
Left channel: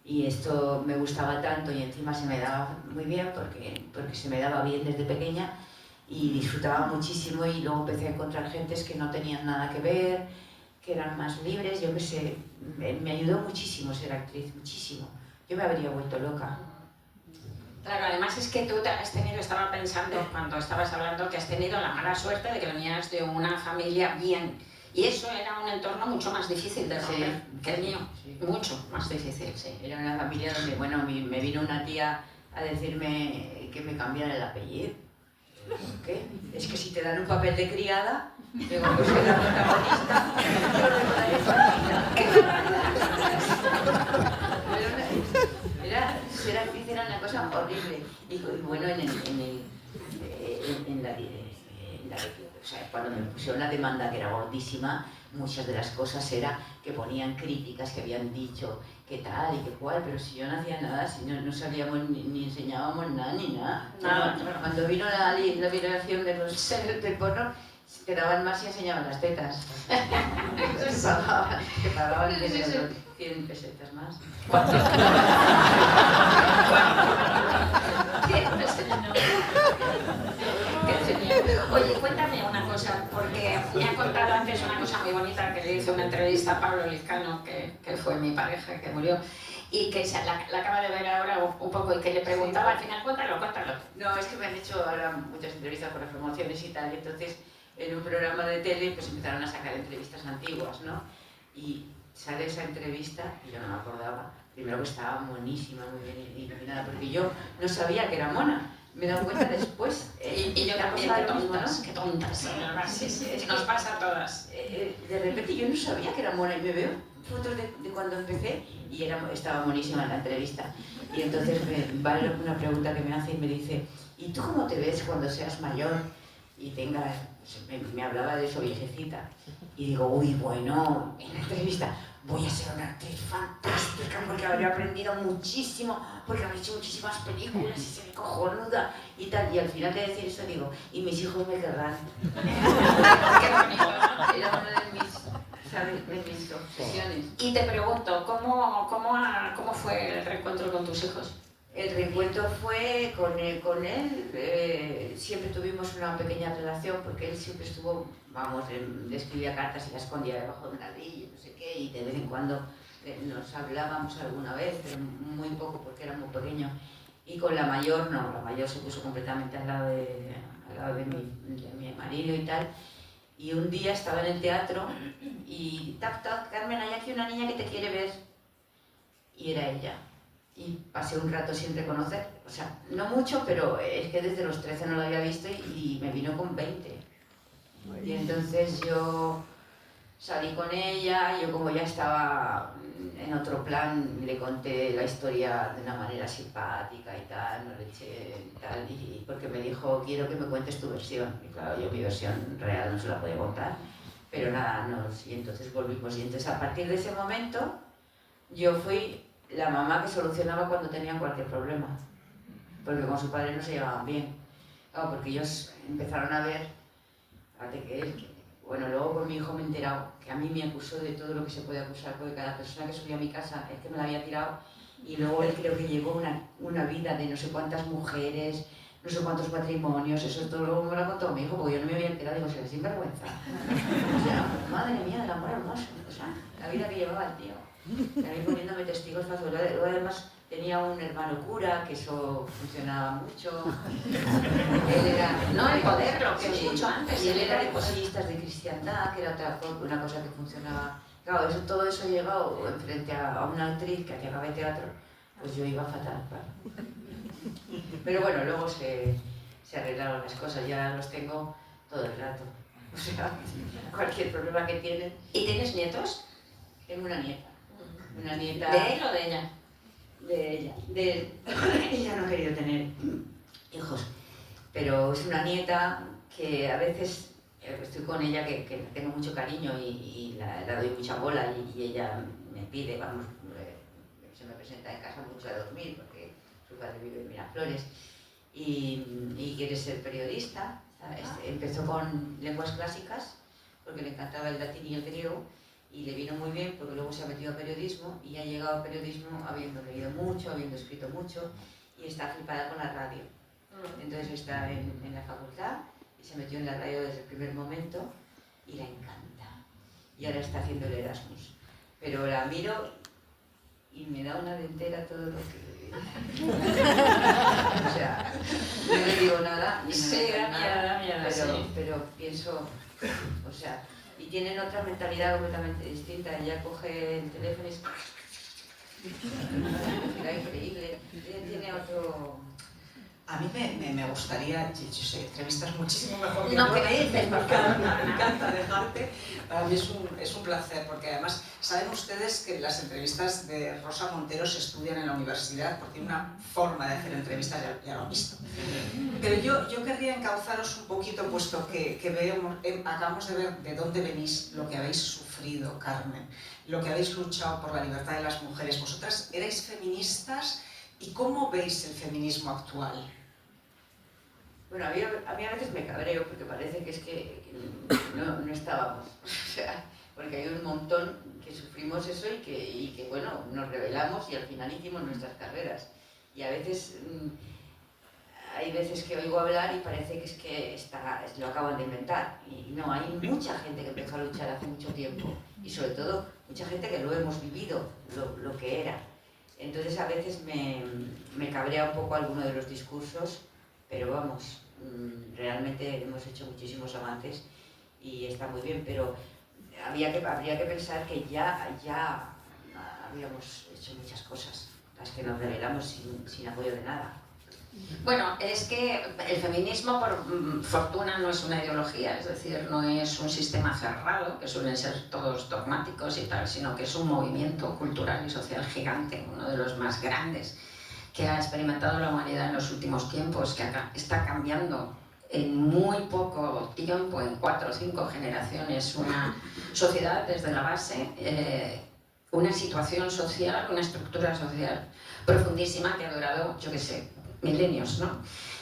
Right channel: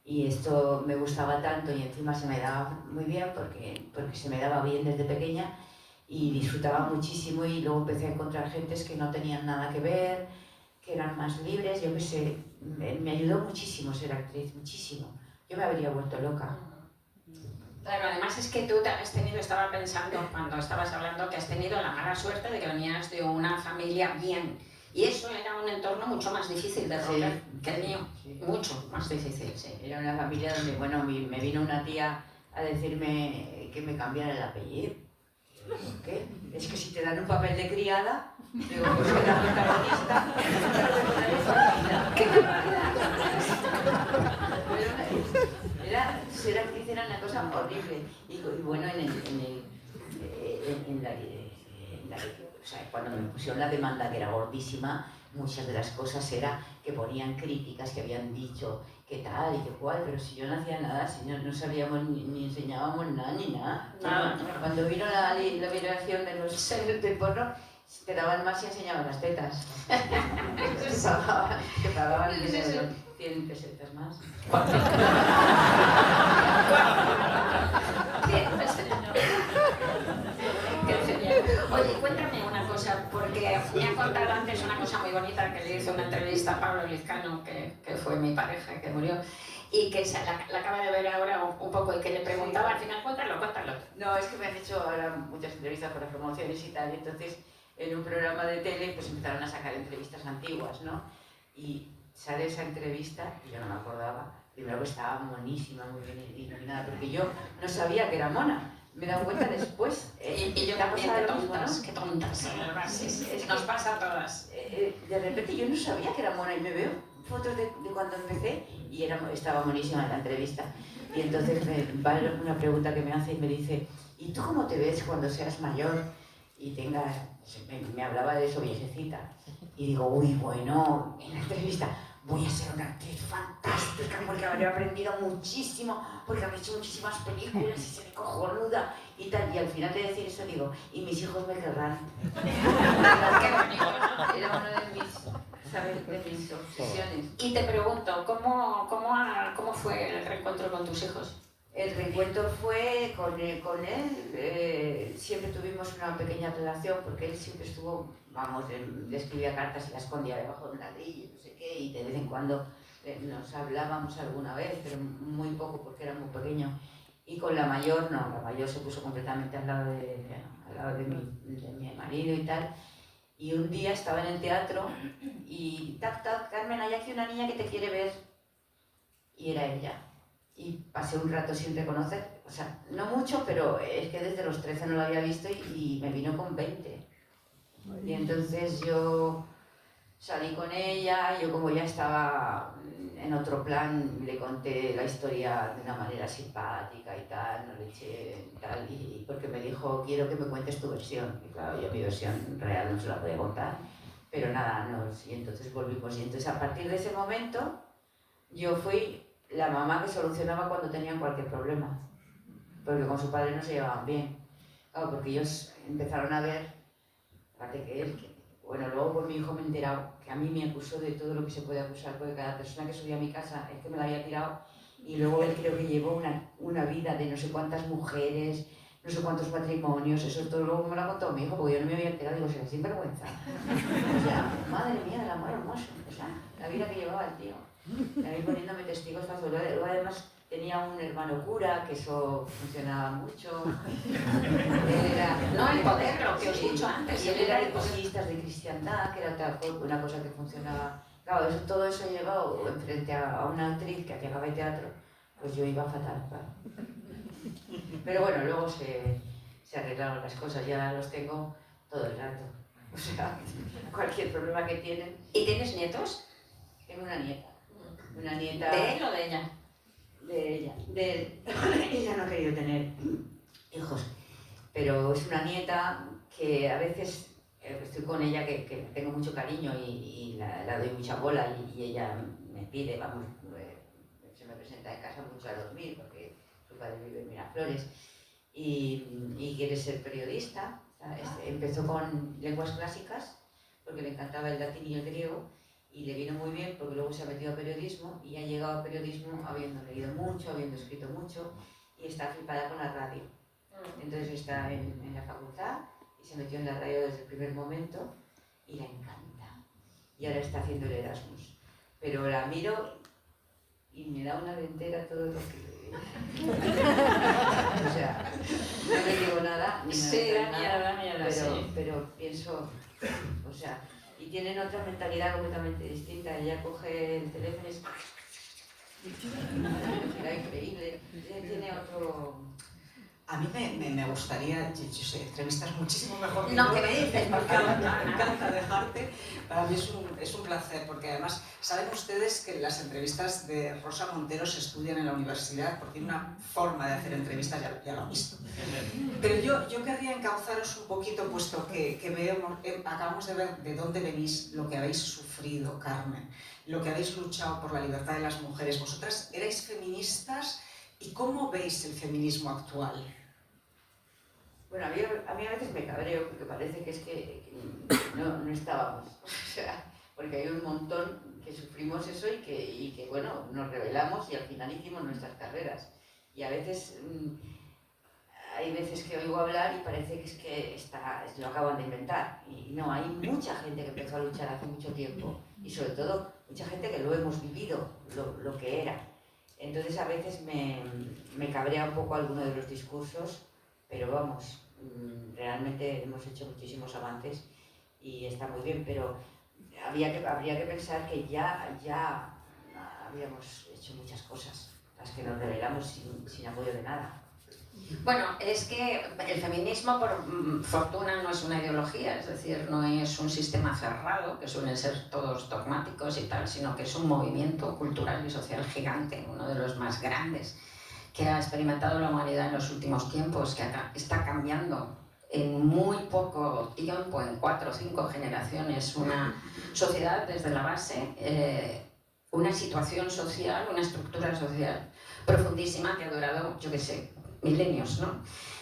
Y esto me gustaba tanto y encima se me daba muy bien porque se me daba bien desde pequeña y disfrutaba muchísimo, y luego empecé a encontrar gentes que no tenían nada que ver, que eran más libres. Yo qué sé, me ayudó muchísimo ser actriz, muchísimo. Yo me habría vuelto loca. Claro, además es que tú has tenido, estaba pensando cuando estabas hablando, que has tenido la mala suerte de que venías de una familia bien. Y eso era un entorno mucho más difícil de romper que el mío. Sí. Mucho más difícil, sí. Era una familia donde, bueno, me vino una tía a decirme que me cambiara el apellido. ¿Qué? Es que si te dan un papel de criada, digo, yo soy la protagonista, ser actriz era una cosa horrible. Y bueno, o sea, cuando me pusieron la demanda, que era gordísima, muchas de las cosas era que ponían críticas, que habían dicho que tal y que cual, pero si yo no hacía nada, si no sabíamos ni enseñábamos nada ni nada. Cuando vino la violación de los del porno, te daban más y enseñaban las tetas. Te pagaban 100 pesetas más. Oye, cuéntame una cosa, porque me ha contado antes una cosa muy bonita que le hice una entrevista a Pablo Lizcano, que fue mi pareja, que murió, y que la acaba de ver ahora un poco, y que le preguntaba al final, cuéntalo. No, es que me han hecho ahora muchas entrevistas por las promociones y tal, y entonces en un programa de tele pues empezaron a sacar entrevistas antiguas, ¿no? Y sale esa entrevista, y yo no me acordaba, primero que estaba monísima, muy bien iluminada, porque yo no sabía que era mona. Me he dado cuenta después. Y yo también, qué tontas. Nos pasa a todas. De repente yo no sabía que era mona, y me veo fotos de cuando empecé y estaba monísima en la entrevista. Y entonces va una pregunta que me hace y me dice, ¿y tú cómo te ves cuando seas mayor y tengas...? Me hablaba de eso, viejecita. Y digo, uy, bueno, en la entrevista, voy a ser una actriz fantástica porque habré aprendido muchísimo, porque habré hecho muchísimas películas y seré cojonuda y tal. Y al final de decir eso digo, y mis hijos me querrán. Era una de mis, ¿sabes?, de mis obsesiones. Y te pregunto, ¿cómo fue el reencuentro con tus hijos? El reencuentro fue con él, siempre tuvimos una pequeña relación porque él siempre estuvo, vamos, le escribía cartas y las escondía debajo de un ladrillo, no sé qué, y de vez en cuando nos hablábamos alguna vez, pero muy poco porque era muy pequeño. Y con la mayor no, la mayor se puso completamente al lado de mi marido y tal. Y un día estaba en el teatro y tac, tac, Carmen, hay aquí una niña que te quiere ver. Y era ella. Y pasé un rato sin reconocer, o sea, no mucho, pero es que desde los 13 no lo había visto y me vino con 20. Y entonces yo salí con ella, yo como ya estaba en otro plan, le conté la historia de una manera simpática y tal, no le eché tal, y porque me dijo, quiero que me cuentes tu versión. Y claro, yo mi versión real no se la podía contar, pero nada, y entonces volvimos. Y entonces a partir de ese momento yo fui la mamá que solucionaba cuando tenían cualquier problema, porque con su padre no se llevaban bien. Claro, porque ellos empezaron a ver, fíjate que él, bueno, luego con mi hijo me he enterado que a mí me acusó de todo lo que se puede acusar, porque cada persona que subía a mi casa es que me la había tirado, y luego él creo que llevó una vida de no sé cuántas mujeres, no sé cuántos matrimonios, eso todo luego me lo ha contado mi hijo, porque yo no me había enterado, digo, se me sin vergüenza. O sea, madre mía del amor hermoso, o sea, la vida que llevaba el tío. Ahí poniéndome testigos falsos. Luego además tenía un hermano cura, que eso funcionaba mucho. Él era... No, el poder, lo que os he dicho antes. Y él era de cosistas de cristiandad, que era una cosa que funcionaba. Claro, todo eso llegado frente a una actriz que hacía de teatro, pues yo iba fatal, claro. Pero bueno, luego se arreglaron las cosas, ya los tengo todo el rato. O sea, cualquier problema que tienen. ¿Y tienes nietos? Tengo una nieta. Una nieta... ¿De él o de ella? De ella. De él. Ella no ha querido tener hijos, pero es una nieta que a veces estoy con ella que tengo mucho cariño y la doy mucha bola y ella me pide, vamos, se me presenta en casa mucho a dormir porque su padre vive en Miraflores y quiere ser periodista. Empezó con lenguas clásicas porque le encantaba el latín y el griego y le vino muy bien porque luego se ha metido a periodismo y ha llegado a periodismo habiendo leído mucho, habiendo escrito mucho y está flipada con la radio. Entonces está en la facultad y se metió en la radio desde el primer momento y le encanta. Y ahora está haciendo el Erasmus. Pero la miro y me da una dentera todo lo que... O sea, no le digo nada, ni me da miedo, pero pienso, o sea, y tienen otra mentalidad completamente distinta. Ella coge el teléfono y es increíble, tiene otro... A mí me gustaría, yo sé que entrevistas muchísimo mejor que no, yo, ¿qué dices? me encanta dejarte. Para mí es un placer, porque además saben ustedes que las entrevistas de Rosa Montero se estudian en la universidad porque tiene una forma de hacer entrevistas, ya lo han visto. Pero yo querría encauzaros un poquito, puesto que acabamos de ver de dónde venís, lo que habéis sufrido, Carmen, lo que habéis luchado por la libertad de las mujeres. Vosotras erais feministas, ¿y cómo veis el feminismo actual? Bueno, a mí a veces me cabreo porque parece que es que no estábamos, o sea, porque hay un montón que sufrimos eso y que bueno, nos rebelamos y al final hicimos nuestras carreras. Y a veces, hay veces que oigo hablar y parece que es que lo acaban de inventar. Y no, hay mucha gente que empezó a luchar hace mucho tiempo y sobre todo mucha gente que lo hemos vivido, lo que era. Entonces a veces me cabrea un poco alguno de los discursos, pero vamos, realmente hemos hecho muchísimos avances y está muy bien, pero habría que pensar que ya habíamos hecho muchas cosas, las que nos rebelamos sin apoyo de nada. Bueno, es que el feminismo, por fortuna, no es una ideología, es decir, no es un sistema cerrado, que suelen ser todos dogmáticos y tal, sino que es un movimiento cultural y social gigante, uno de los más grandes que ha experimentado la humanidad en los últimos tiempos, que está cambiando en muy poco tiempo, en 4 o 5 generaciones, una sociedad desde la base, una situación social, una estructura social profundísima que ha durado, yo qué sé, milenios, ¿no?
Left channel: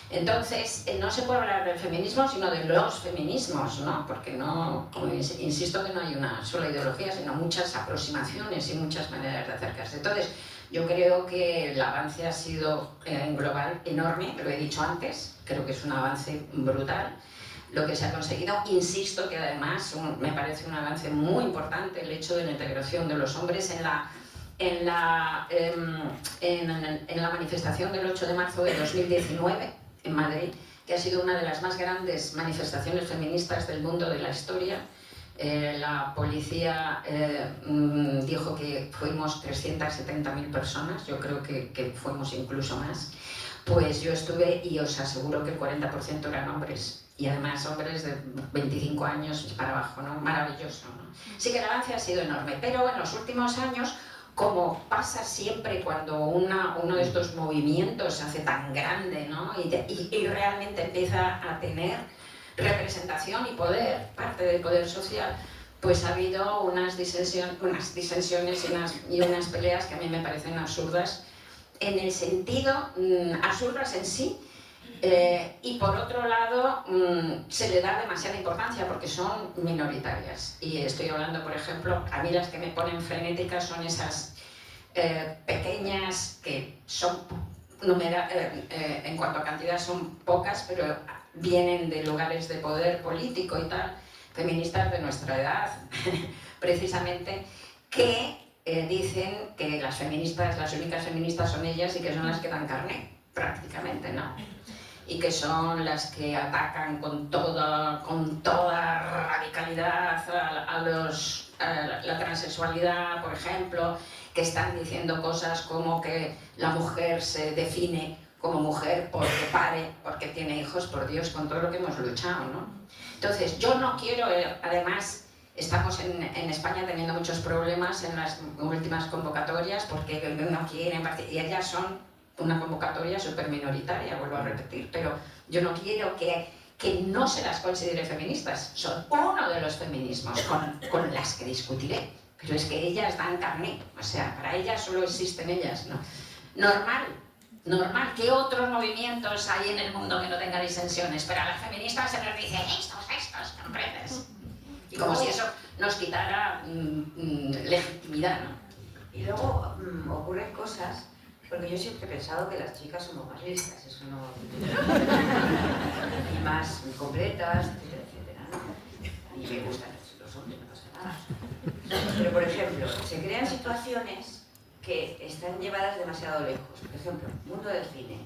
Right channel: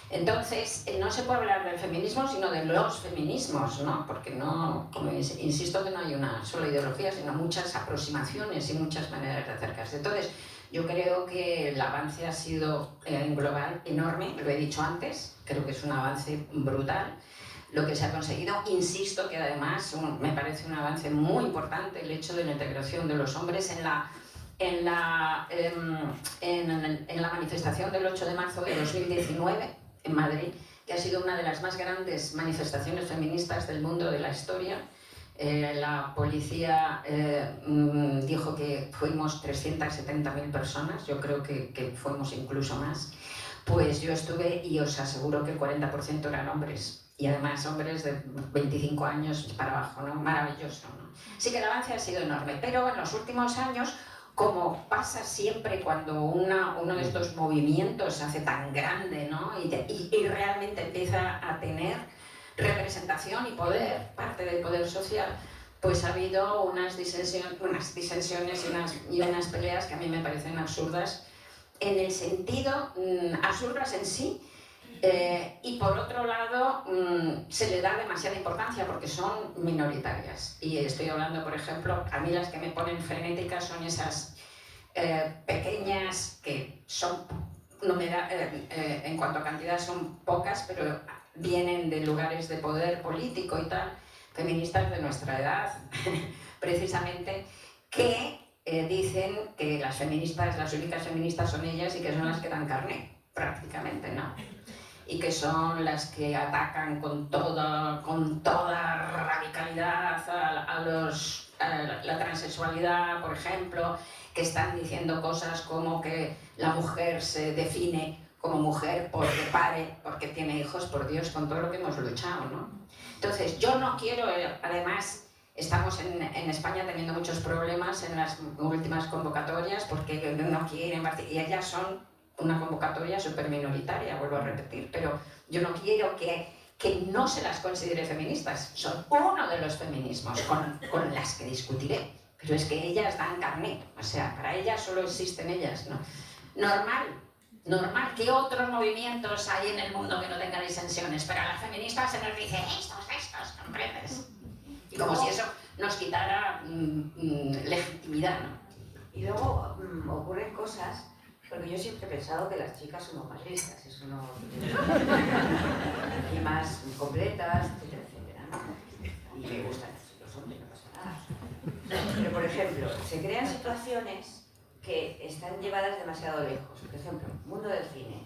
Entonces, no se puede hablar del feminismo, sino de los feminismos, ¿no? Porque no, insisto que no hay una sola ideología, sino muchas aproximaciones y muchas maneras de acercarse. Entonces, yo creo que el avance ha sido en global enorme, lo he dicho antes, creo que es un avance brutal lo que se ha conseguido. Insisto que además me parece un avance muy importante el hecho de la integración de los hombres en la manifestación del 8 de marzo de 2019 en Madrid, que ha sido una de las más grandes manifestaciones feministas del mundo de la historia. La policía dijo que fuimos 370.000 personas, yo creo que fuimos incluso más. Pues yo estuve y os aseguro que el 40% eran hombres, y además hombres de 25 años para abajo, ¿no? Maravilloso, ¿no? Sí que el avance ha sido enorme, pero en los últimos años, como pasa siempre cuando uno de estos movimientos se hace tan grande, ¿no? y realmente empieza a tener representación y poder, parte del poder social, pues ha habido unas disensiones y unas peleas que a mí me parecen absurdas, en el sentido, absurdas en sí, y por otro lado se le da demasiada importancia porque son minoritarias. Y estoy hablando, por ejemplo, a mí las que me ponen frenéticas son esas pequeñas que son, en cuanto a cantidad son pocas, pero vienen de lugares de poder político y tal, feministas de nuestra edad, precisamente, que dicen que las únicas feministas son ellas y que son las que dan carne, prácticamente, ¿no? Y que son las que atacan con toda radicalidad a la transexualidad, por ejemplo, que están diciendo cosas como que la mujer se define como mujer porque pare, porque tiene hijos, por Dios, con todo lo que hemos luchado, ¿no? Entonces, yo no quiero, además, estamos en España teniendo muchos problemas en las últimas convocatorias porque no quieren, y ellas son una convocatoria súper minoritaria, vuelvo a repetir, pero yo no quiero que que no se las considere feministas, son uno de los feminismos con las que discutiré, pero es que ellas dan carné, o sea, para ellas solo existen ellas, ¿no? Normal, ¿qué otros movimientos hay en el mundo que no tengan disensiones? Pero a las feministas se nos dice estos, ¿comprendes? Y como si eso nos quitara legitimidad, ¿no? Y luego ocurren cosas, porque yo siempre he pensado que las chicas somos más listas, eso no... y más completas, etcétera, etcétera, ¿no? Y me gustan los hombres, no pasa nada. Pero, por ejemplo, se crean situaciones que están llevadas demasiado lejos. Por ejemplo, mundo del cine.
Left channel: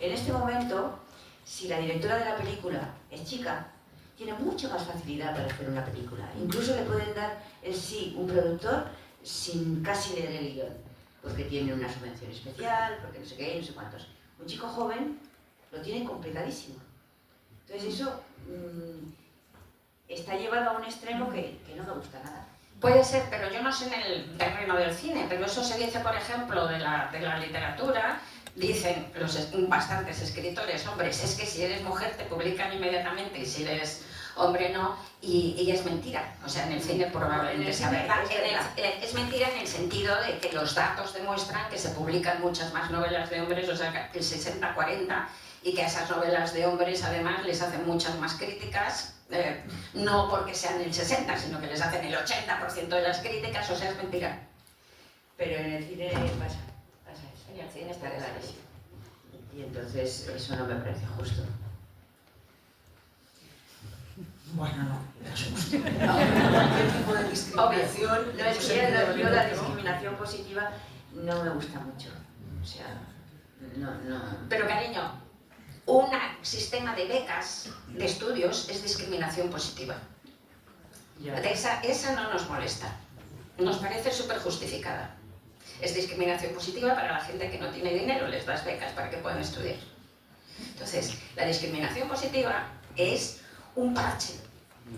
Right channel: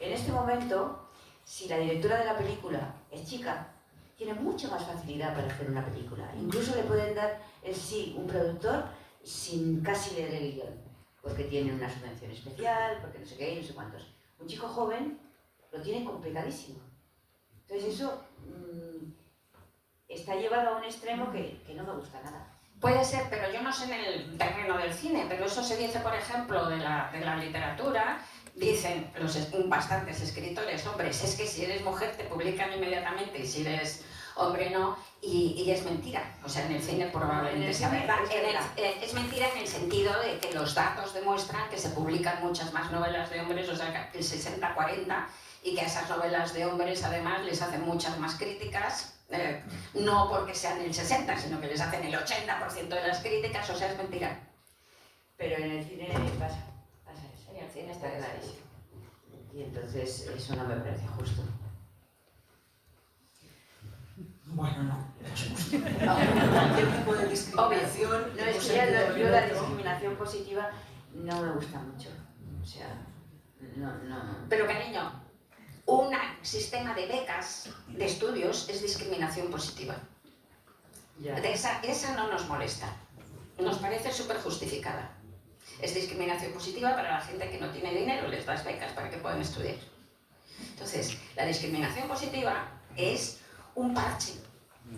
En este momento, si la directora de la película es chica, tiene mucha más facilidad para hacer una película. Incluso le pueden dar el sí un productor sin casi leer el guión, porque tiene una subvención especial, porque no sé qué, no sé cuántos. Un chico joven lo tiene complicadísimo. Entonces eso está llevado a un extremo que no me gusta nada. Puede ser, pero yo no sé en el terreno del cine, pero eso se dice, por ejemplo, de la literatura. Dicen bastantes escritores, hombres, es que si eres mujer te publican inmediatamente y si eres hombre no, y es mentira. O sea, en el cine probablemente sea verdad. Es mentira en el sentido de que los datos demuestran que se publican muchas más novelas de hombres, o sea, el 60-40, y que a esas novelas de hombres además les hacen muchas más críticas, no porque sean el 60, sino que les hacen el 80% de las críticas, o sea, es mentira. Pero en el cine pasa eso. En el cine está clarísimo. Y entonces eso no me parece justo. Bueno, cualquier tipo de discriminación. No, es que yo la discriminación positiva no me gusta mucho. O sea, no. Pero cariño, un sistema de becas de estudios es discriminación positiva. Esa no nos molesta. Nos parece súper justificada. Es discriminación positiva para la gente que no tiene dinero, les das becas para que puedan estudiar. Entonces, la discriminación positiva es un parche,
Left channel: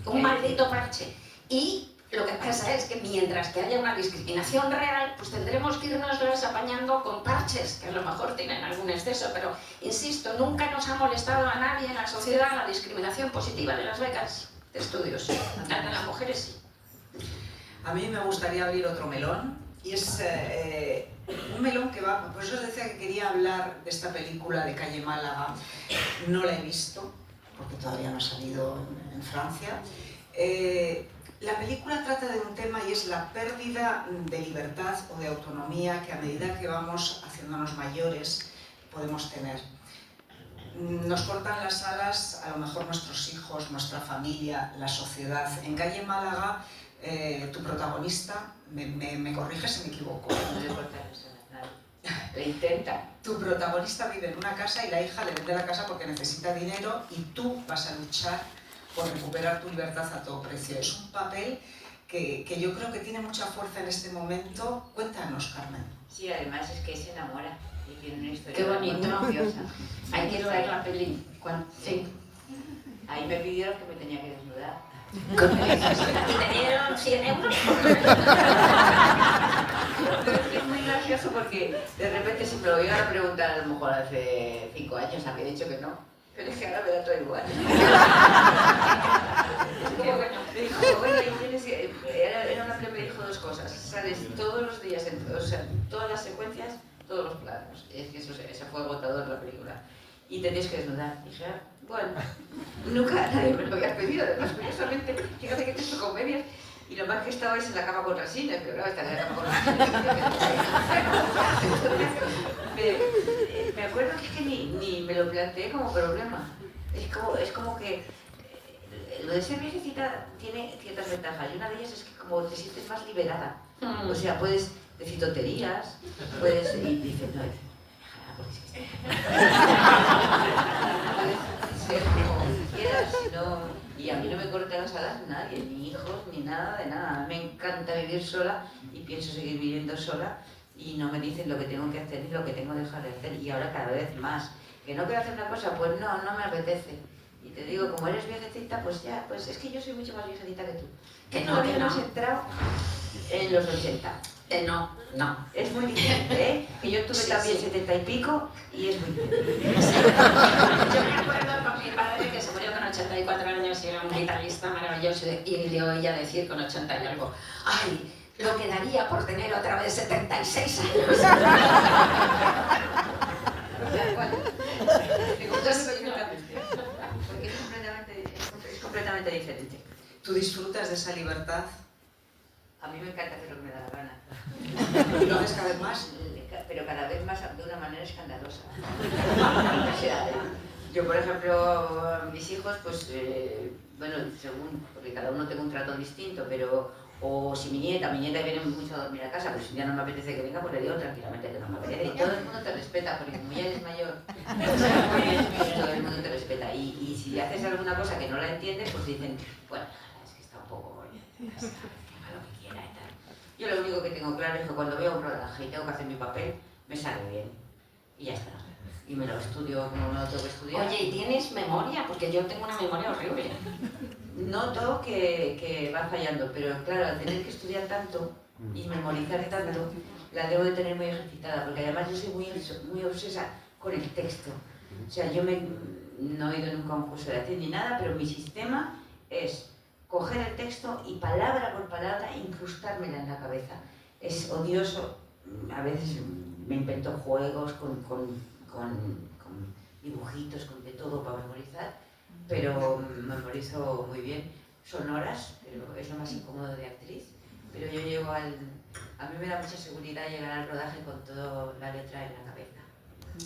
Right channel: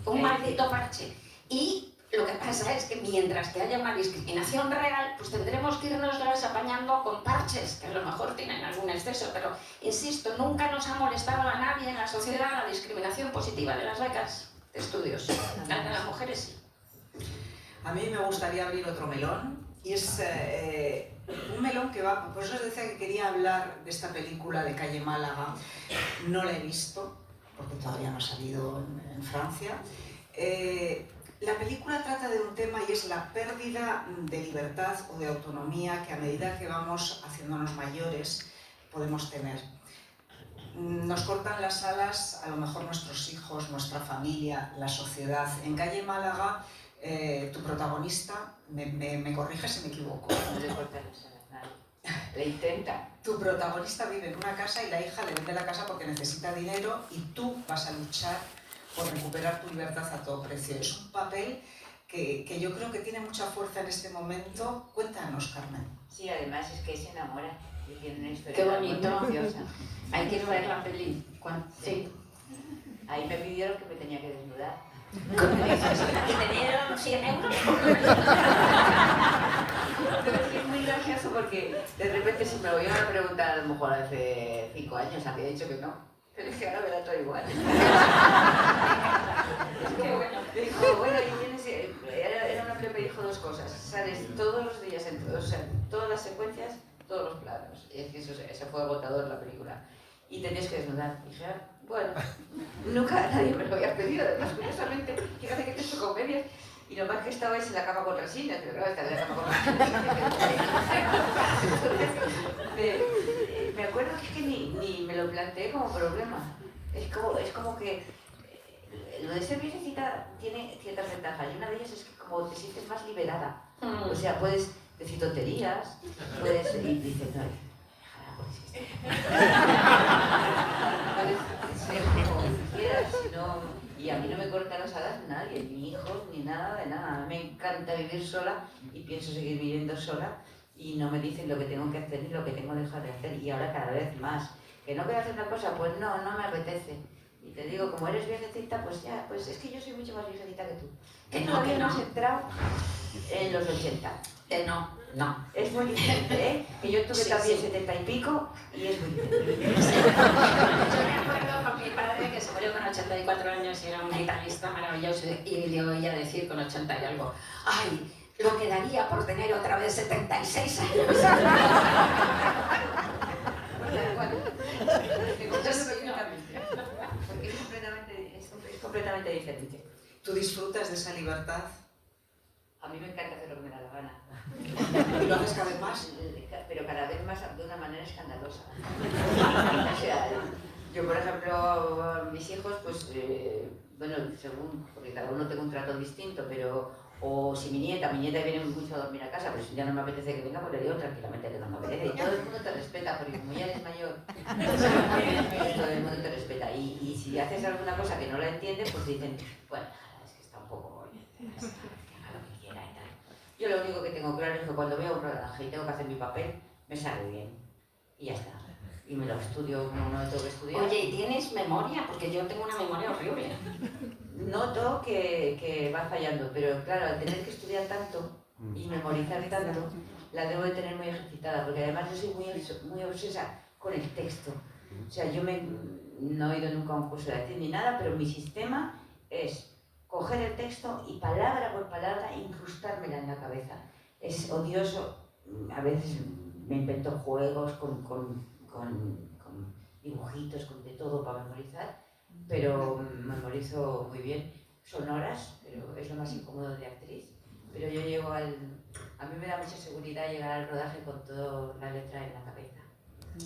un maldito parche. Y lo que pasa es que mientras que haya una discriminación real, pues tendremos que irnoslas apañando con parches, que a lo mejor tienen algún exceso, pero, insisto, nunca nos ha molestado a nadie en la sociedad la discriminación positiva de las becas de estudios. La de las mujeres sí. A mí me gustaría abrir otro melón, y es un melón que va... Por eso os decía que quería hablar de esta película de Calle Málaga. No la he visto, porque todavía no ha salido en Francia. La película trata de un tema y es la pérdida de libertad o de autonomía que a medida que vamos haciéndonos mayores podemos tener. Nos cortan las alas, a lo mejor nuestros hijos, nuestra familia, la sociedad. En Calle Málaga, tu protagonista, me corrige si me equivoco. No le cortan las alas, lo intenta. Tu protagonista vive en una casa y la hija le vende la casa porque necesita dinero y tú vas a luchar por recuperar tu libertad a todo precio. Es un papel que yo creo que tiene mucha fuerza en este momento. Cuéntanos, Carmen. Sí, además es que se enamora y tiene una historia. Qué bonito. muy preciosa. Hay que ver la peli. Sí. Ahí me pidieron que me tenía que desnudar. ¿Y te dieron 100 euros? Es muy gracioso porque de repente si me lo iban a preguntar a lo mejor hace 5 años, había dicho que no. Pero es que ahora me da todo igual. Qué bueno. Me dijo, bueno, y tienes... Era una que me dijo 2 cosas. Sales todos los días, o sea, todas las secuencias, todos los planos. Es que eso fue agotador la película. Y tenías que desnudar. Y dije, bueno, nunca nadie me lo había pedido. Además, curiosamente, fíjate que te he hecho comedias. Y lo más que estabais en la cama con resines, pero claro, estaba en la cama con resines. Me acuerdo que es que ni me lo planteé como problema. Es como que lo de ser viejecita tiene ciertas ventajas. Y una de ellas es que como te sientes más liberada. O sea, puedes decir tonterías, puedes... Y dices, no, puedes ser como quieras, no... Y a mí no me corta las alas nadie, ni hijos, ni nada de nada. Me encanta vivir sola y pienso seguir viviendo sola y no me dicen lo que tengo que hacer ni lo que tengo que dejar de hacer. Y ahora cada vez más. ¿Que no quiero hacer una cosa? Pues no me apetece. Y te digo, como eres viejecita, pues ya, pues es que yo soy mucho más viejecita que tú. Que no, todavía que no. has entrado en los 80. No. Es muy diferente, ¿eh? Que yo tuve también 70 y pico y es muy diferente. Yo me acuerdo con mi padre que se murió con 80 ellos y le oía decir con 80 y algo, ¡ay! Lo que daría por tener otra vez 76 años. Porque es completamente diferente. ¿Tú disfrutas de esa libertad? A mí me encanta hacer lo que me da la gana. ¿Y lo haces cada vez más? Pero cada vez más de una manera escandalosa. O sea, yo, por ejemplo, mis hijos, pues, bueno, según, porque cada uno tiene un trato distinto, pero, o si mi nieta viene mucho a dormir a casa, pero si ya no me apetece que venga, pues le digo tranquilamente que no me apetece. Y todo el mundo te respeta, porque como ya eres mayor, todo el mundo te respeta. Y si haces alguna cosa que no la entiendes, pues dicen, bueno, es que está un poco, que haga lo que quiera y tal. Yo lo único que tengo claro es que cuando veo un rodaje y tengo que hacer mi papel, me sale bien. Y ya está. Y me lo estudio como me lo tengo que estudiar. Oye, ¿y tienes memoria? Porque yo tengo una memoria horrible. Noto que va fallando, pero claro, al tener que estudiar tanto y memorizar tanto, la debo de tener muy ejercitada, porque además yo soy muy obsesa con el texto. O sea, yo no he ido nunca a un curso de actriz ni nada, pero mi sistema es coger el texto y palabra por palabra incrustármela en la cabeza. Es odioso, a veces me invento juegos con dibujitos, con de todo para memorizar, pero memorizo muy bien. Son horas, pero es lo más incómodo de actriz. Pero yo llego a mí me da mucha seguridad llegar al rodaje con toda la letra en la cabeza.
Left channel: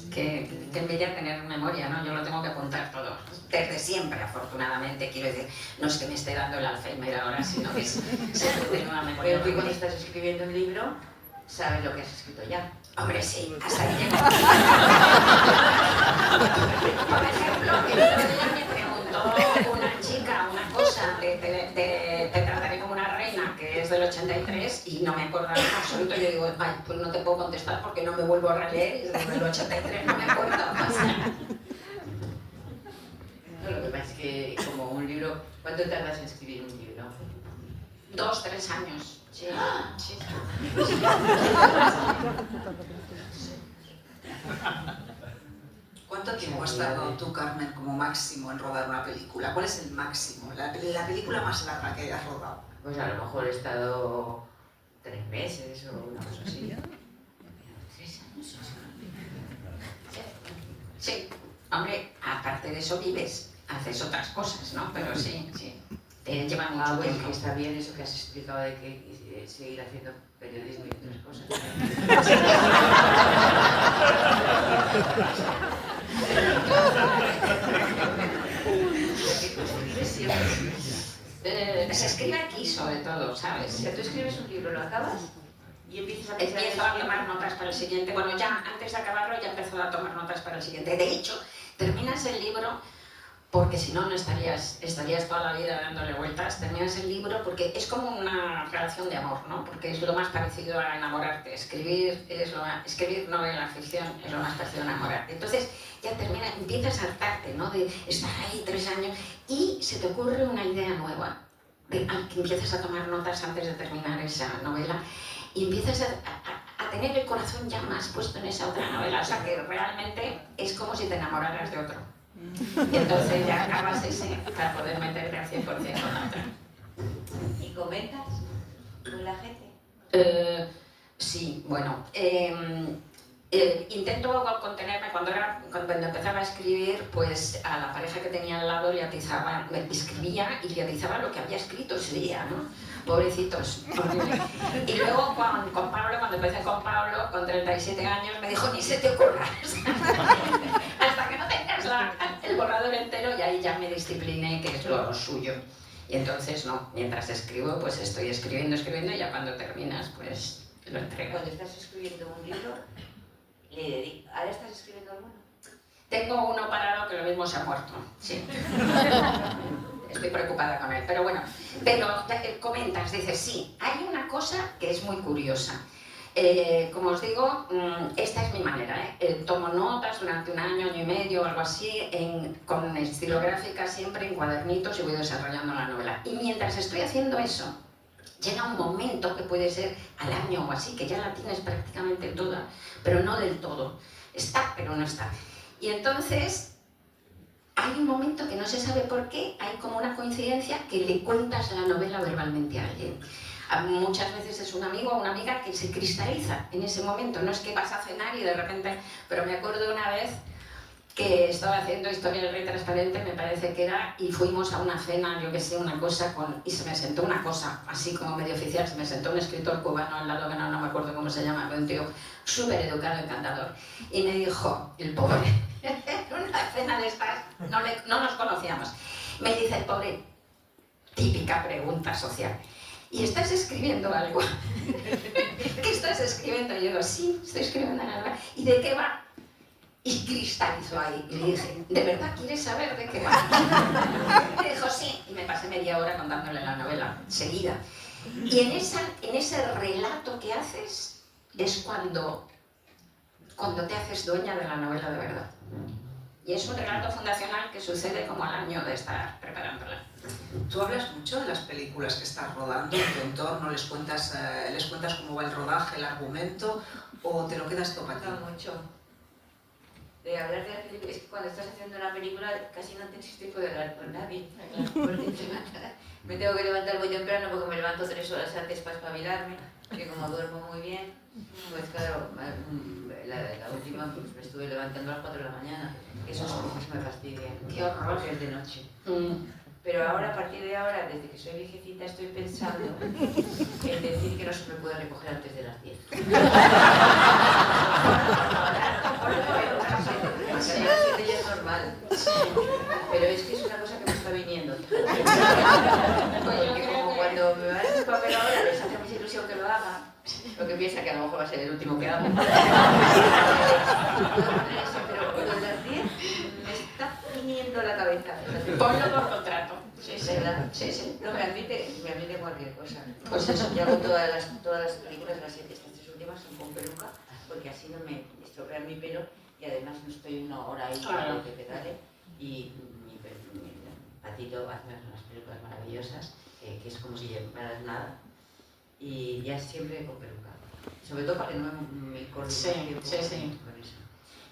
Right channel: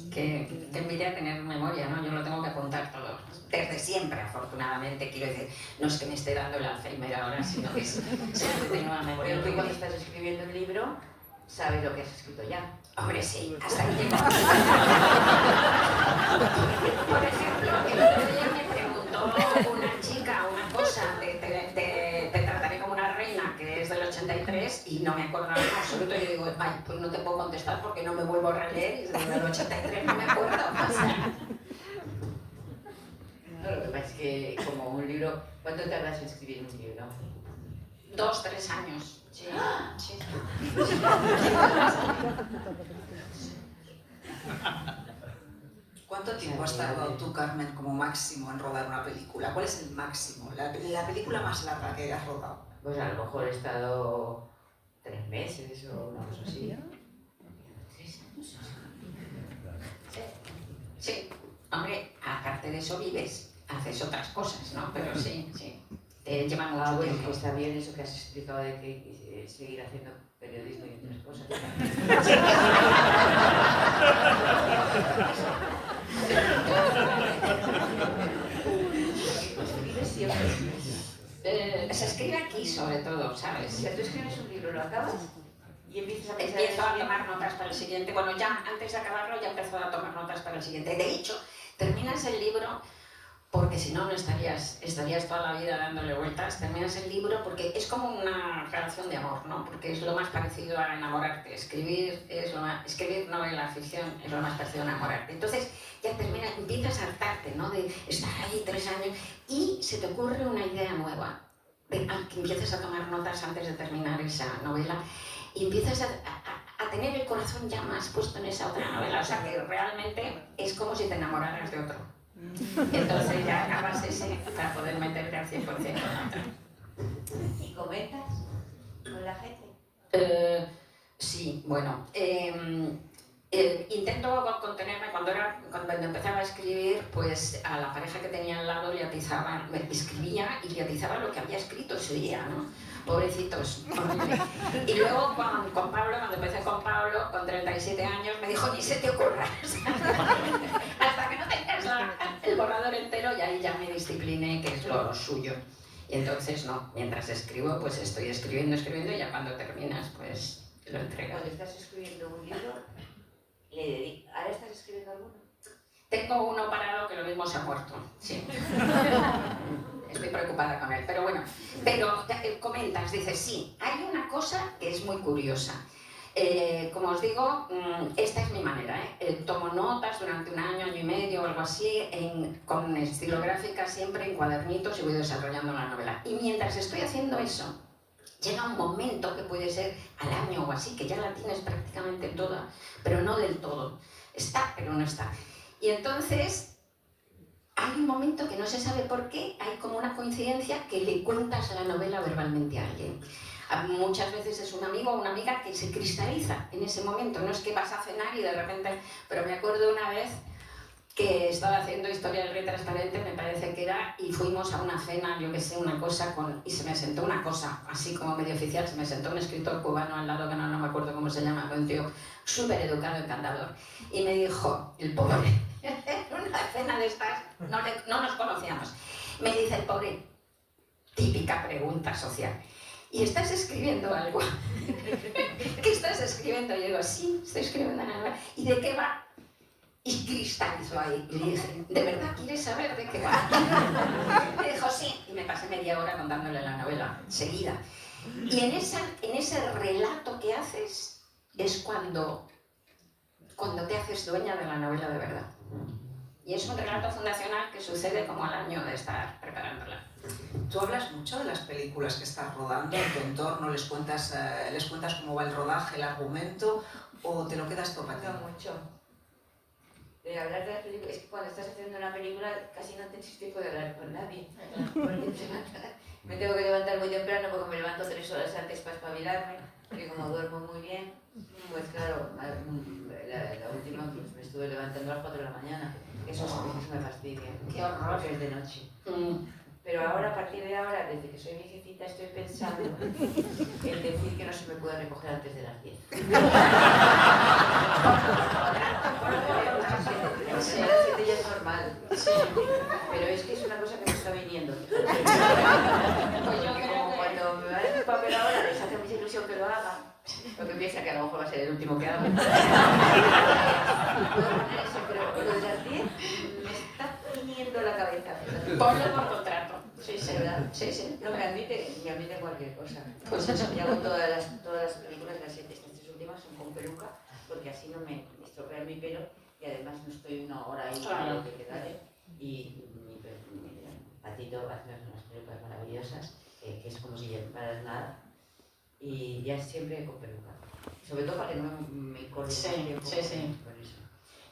Que envidia tener memoria, ¿no? Yo lo tengo que apuntar todo. Desde siempre, afortunadamente, quiero decir, no es que me esté dando el Alzheimer ahora, sino que siempre tengo una memoria. Pero tú cuando estás escribiendo un libro, sabes lo que has escrito ya. Hombre, sí, hasta ahí llego. Por ejemplo, el otro día me preguntó una chica una cosa te trataré como una reina, que es del 83, y no me acordaba en absoluto. Yo digo, vaya, pues no te puedo contestar porque no me vuelvo a releer, y desde el 83 no me acuerdo. O sea. No, lo que pasa es que como un libro, ¿cuánto tardas en escribir un libro? 2, 3 años. Sí, sí. ¿Cuánto tiempo has tardado tú, Carmen, como máximo en rodar una película? ¿Cuál es el máximo? La película más larga que has rodado. Pues a lo mejor he estado 3 meses o una cosa así. Sí, hombre, aparte de eso vives, haces otras cosas, ¿no? Pero sí, sí. Te llevan mucho Bueno, tiempo. que está bien eso que has explicado de que seguir haciendo periodismo y otras cosas. Se escribe aquí sobre todo, O ¿sabes? sea, tú escribes un libro, lo acabas y empiezas a pensar Empiezo a tomar notas para el siguiente. Bueno, ya antes de acabarlo ya empezó a tomar notas para el siguiente. De hecho, terminas el libro porque si no, no estarías toda la vida dándole vueltas. Terminas el libro porque es como una relación de amor, ¿no? Porque es lo más parecido a enamorarte. Escribir novela, ficción, es lo más parecido a enamorarte. Entonces, ya empiezas a hartarte, ¿no? De estar ahí 3 años y se te ocurre una idea nueva. Que empiezas a tomar notas antes de terminar esa novela y empiezas a tener el corazón ya más puesto en esa otra novela. O sea, que realmente es como si te enamoraras de otro. Entonces ya acabas ese para poder meterte al 100% en otra. ¿Y comentas con la gente? Sí, bueno. Intento contenerme cuando empezaba a escribir, pues a la pareja que tenía al lado escribía y le atizaba lo que había escrito ese día, ¿no? Pobrecitos, horrible. Y luego con Pablo, cuando empecé con Pablo, con 37 años, me dijo, ni se te ocurra. Hasta que no tengas el borrador entero, y ahí ya me discipliné, que es lo suyo. Y entonces, no, mientras escribo, pues estoy escribiendo, y ya cuando terminas, pues lo entregas. Cuando estás escribiendo un libro, ¿ahora estás escribiendo alguno? Tengo uno parado que lo mismo se ha muerto, sí. Estoy preocupada con él, pero bueno. Pero comentas, dices, sí, hay una cosa que es muy curiosa. Como os digo, esta es mi manera, ¿eh? Tomo notas durante 1 año, año y medio o algo así, con estilográfica siempre en cuadernitos y voy desarrollando la novela. Y mientras estoy haciendo eso, llega un momento que puede ser al año o así, que ya la tienes prácticamente toda, pero no del todo. Está, pero no está. Y entonces hay un momento que no se sabe por qué, hay como una coincidencia que le cuentas la novela verbalmente a alguien. Muchas veces es un amigo o una amiga que se cristaliza en ese momento, no es que vas a cenar y de repente... Pero me acuerdo una vez que estaba haciendo Historia del Rey Transparente, me parece que era, y fuimos a una cena, yo que sé, una cosa, y se me sentó una cosa, así como medio oficial, se me sentó un escritor cubano al lado, que no me acuerdo cómo se llama, un tío súper educado, encantador, y me dijo, el pobre, en una cena de estas, no nos conocíamos, me dice el pobre, típica pregunta social, ¿y estás escribiendo algo? ¿Qué estás escribiendo? Y yo digo, sí, estoy escribiendo algo. ¿Y de qué va? Y cristalizó ahí. Y le dije, ¿de verdad quieres saber de qué va? Me dijo, sí. Y me pasé media hora contándole la novela, seguida. Y en ese relato que haces es cuando te haces dueña de la novela de verdad. Y es un relato fundacional que sucede como al año de estar preparándola. Tú hablas mucho de las películas que estás rodando en tu entorno, les cuentas cómo va el rodaje, el argumento, o te lo quedas todo para ti. Mucho. De hablar de la película, es que cuando estás haciendo una película casi no tienes tiempo de hablar con nadie. Porque me tengo que levantar muy temprano porque me levanto 3 horas antes para espabilarme, que como duermo muy bien, pues claro, la última pues me estuve levantando a las 4 de la mañana. Esos cosas me fastidian. Qué horror. Porque es de noche. Pero ahora, a partir de ahora, desde que soy viejecita, estoy pensando en decir que no se me puede recoger antes de las 10. Sí. A las 7 ya es normal. Sí. Pero es que es una cosa que me está viniendo. Porque como cuando me van a hacer papel ahora, les hace mucha ilusión que lo haga. Porque piensa que a lo mejor va a ser el último que hago. Pero lo de las 10 me está viniendo la cabeza. Ponlo por contrato. Sí, sí, ¿verdad? Sí, sí. No, me admite cualquier cosa. Pues eso. Yo hago todas las películas, las 7, estas 3 últimas son con peluca, porque así no me estropean mi pelo y además no estoy una hora ahí con que pedale. Y mi Patito hace unas pelucas maravillosas, que es como si llevaras nada. Y ya siempre con peluca. Sobre todo para que no me corte con eso.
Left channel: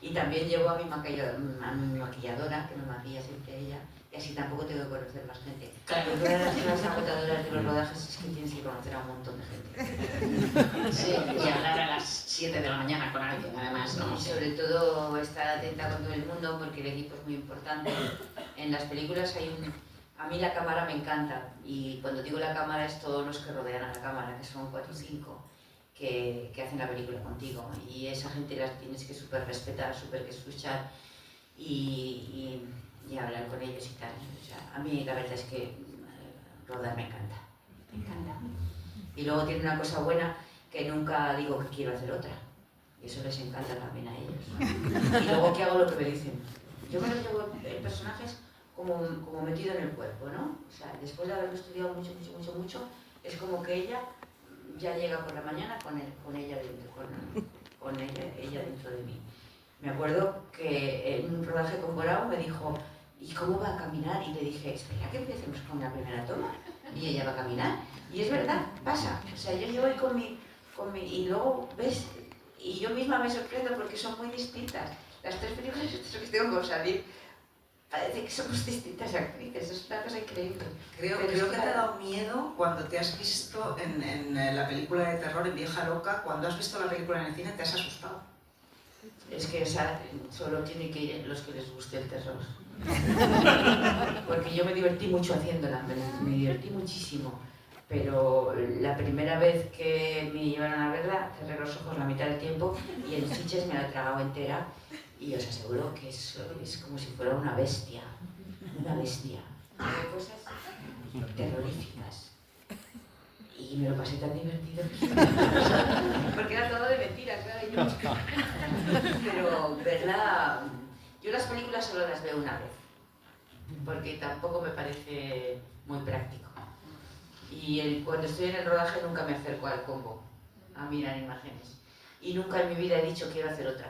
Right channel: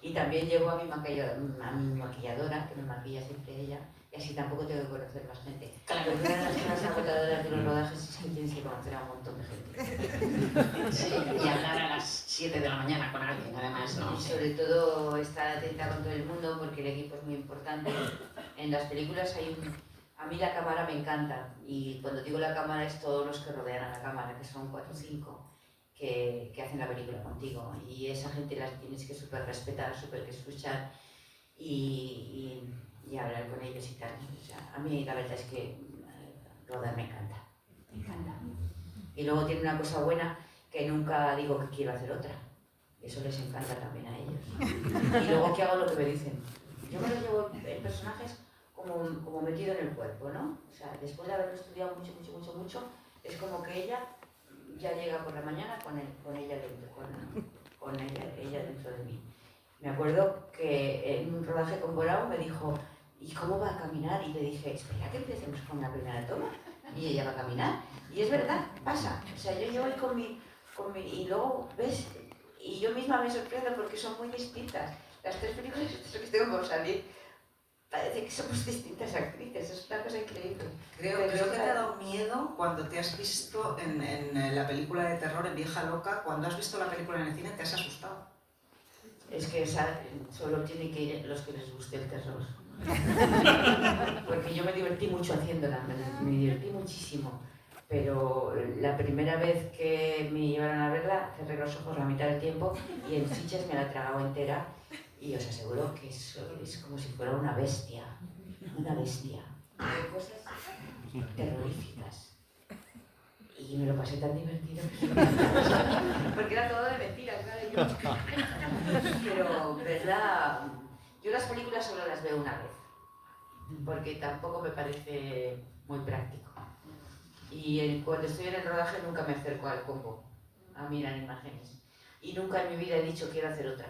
Y también llevo a mi maquilladora, que me maquilla siempre ella, y así tampoco tengo que conocer más gente. Claro. Pero una de las cosas agotadoras de los rodajes es que tienes que conocer a un montón de gente. Sí, y hablar a las 7 de la mañana con alguien, además, ¿no? Y sobre todo estar atenta con todo el mundo, porque el equipo es muy importante. En las películas a mí la cámara me encanta, y cuando digo la cámara es todos los que rodean a la cámara, que son 4 o 5. Que hacen la película contigo, y esa gente las tienes que súper respetar, súper que escuchar y hablar con ellos y tal. O sea, a mí la verdad es que rodar me encanta. Y luego tiene una cosa buena, que nunca digo que quiero hacer otra, y eso les encanta también a ellos. Y luego que hago lo que me dicen. Yo me lo llevo en personajes como metido en el cuerpo, ¿no? O sea, después de haberlo estudiado mucho, es como que ella ya llega por la mañana con ella dentro de mí. Me acuerdo que en un rodaje con Borao me dijo, ¿y cómo va a caminar? Y le dije, espera que empecemos con la primera toma. Y ella va a caminar. Y es verdad, pasa. O sea, yo llevo ahí con mi... Y luego, ¿ves? Y yo misma me sorprendo porque son muy distintas. Las 3 películas que tengo con salir, parece que somos distintas actrices. Es una cosa increíble. Creo que te ha dado miedo cuando te has visto en la película de terror, en Vieja Loca. Cuando has visto la película en el cine te has asustado. Es que solo tiene que ir los que les guste el terror. Porque yo me divertí mucho haciéndola, me divertí muchísimo. Pero la primera vez que me llevaron a verla, cerré los ojos la mitad del tiempo y en fiches me la tragaba entera. Y os aseguro que eso es como si fuera una bestia. Una bestia. Hay cosas terroríficas. Y me lo pasé tan divertido. Porque era todo de mentiras, claro. Pero, ¿verdad? Yo las películas solo las veo una vez. Porque tampoco me parece muy práctico. Y cuando estoy en el rodaje nunca me acerco al combo a mirar imágenes. Y nunca en mi vida he dicho quiero hacer otra.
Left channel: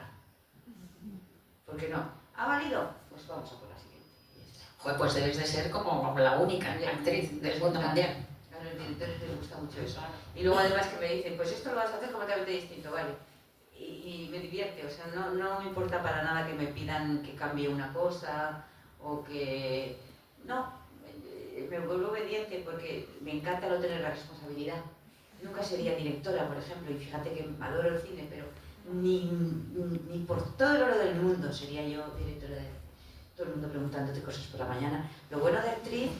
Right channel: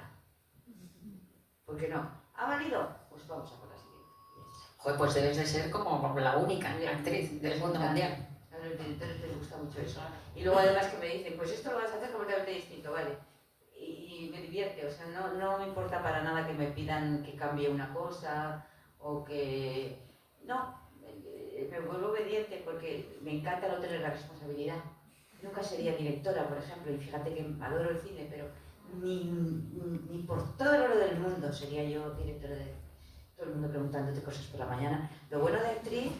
¿Por qué no? ¿Ha valido? Pues vamos a por la siguiente. Joder, pues debes de ser como la única actriz del mundo mundial. A los directores les gusta mucho eso. Y luego además que me dicen, pues esto lo vas a hacer completamente distinto, ¿vale? Y me divierte, o sea, no me importa para nada que me pidan que cambie una cosa o que... No, me vuelvo obediente porque me encanta no tener la responsabilidad. Nunca sería directora, por ejemplo, y fíjate que adoro el cine, pero ni por todo el oro del mundo sería yo directora de... Todo el mundo preguntándote cosas por la mañana. Lo bueno de actriz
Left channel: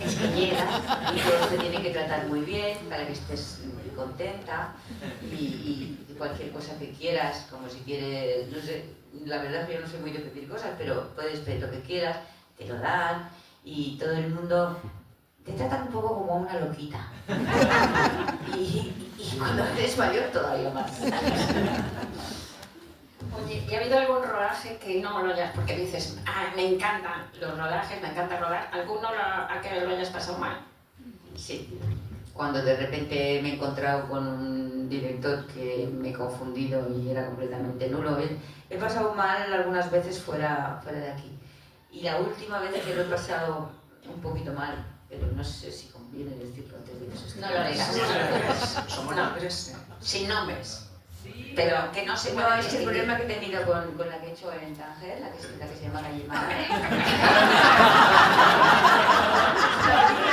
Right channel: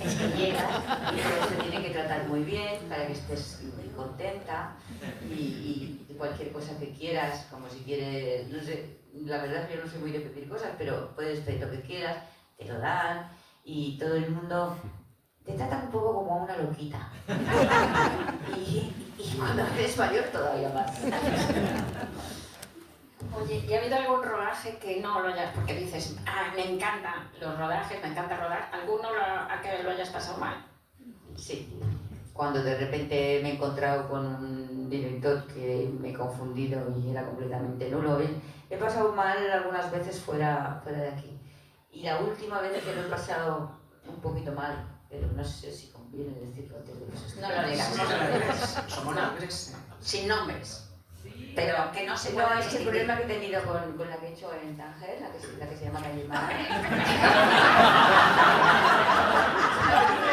es que llegas y todo te tiene que tratar muy bien para que estés contenta y cualquier cosa que quieras, como si quieres, no sé, la verdad es que yo no soy muy de pedir cosas, pero puedes pedir lo que quieras, te lo dan y todo el mundo te tratan un poco como una loquita. Y cuando eres mayor todavía más. Oye, ¿y ha habido algún rodaje que no lo hayas, porque dices, me encantan los rodajes, me encanta rodar, alguno a que lo hayas pasado mal? Sí, cuando de repente me he encontrado con un director que me he confundido y era completamente nulo, he pasado mal algunas veces fuera de aquí. Y la última vez que lo he pasado un poquito mal, pero no sé si conviene decirlo antes de que se No lo digas. Somos nombres. Sin nombres. Pero que no se No, puede es que el distinguir. problema que he tenido con la que he hecho en Tánger, la que se llama La Llamada,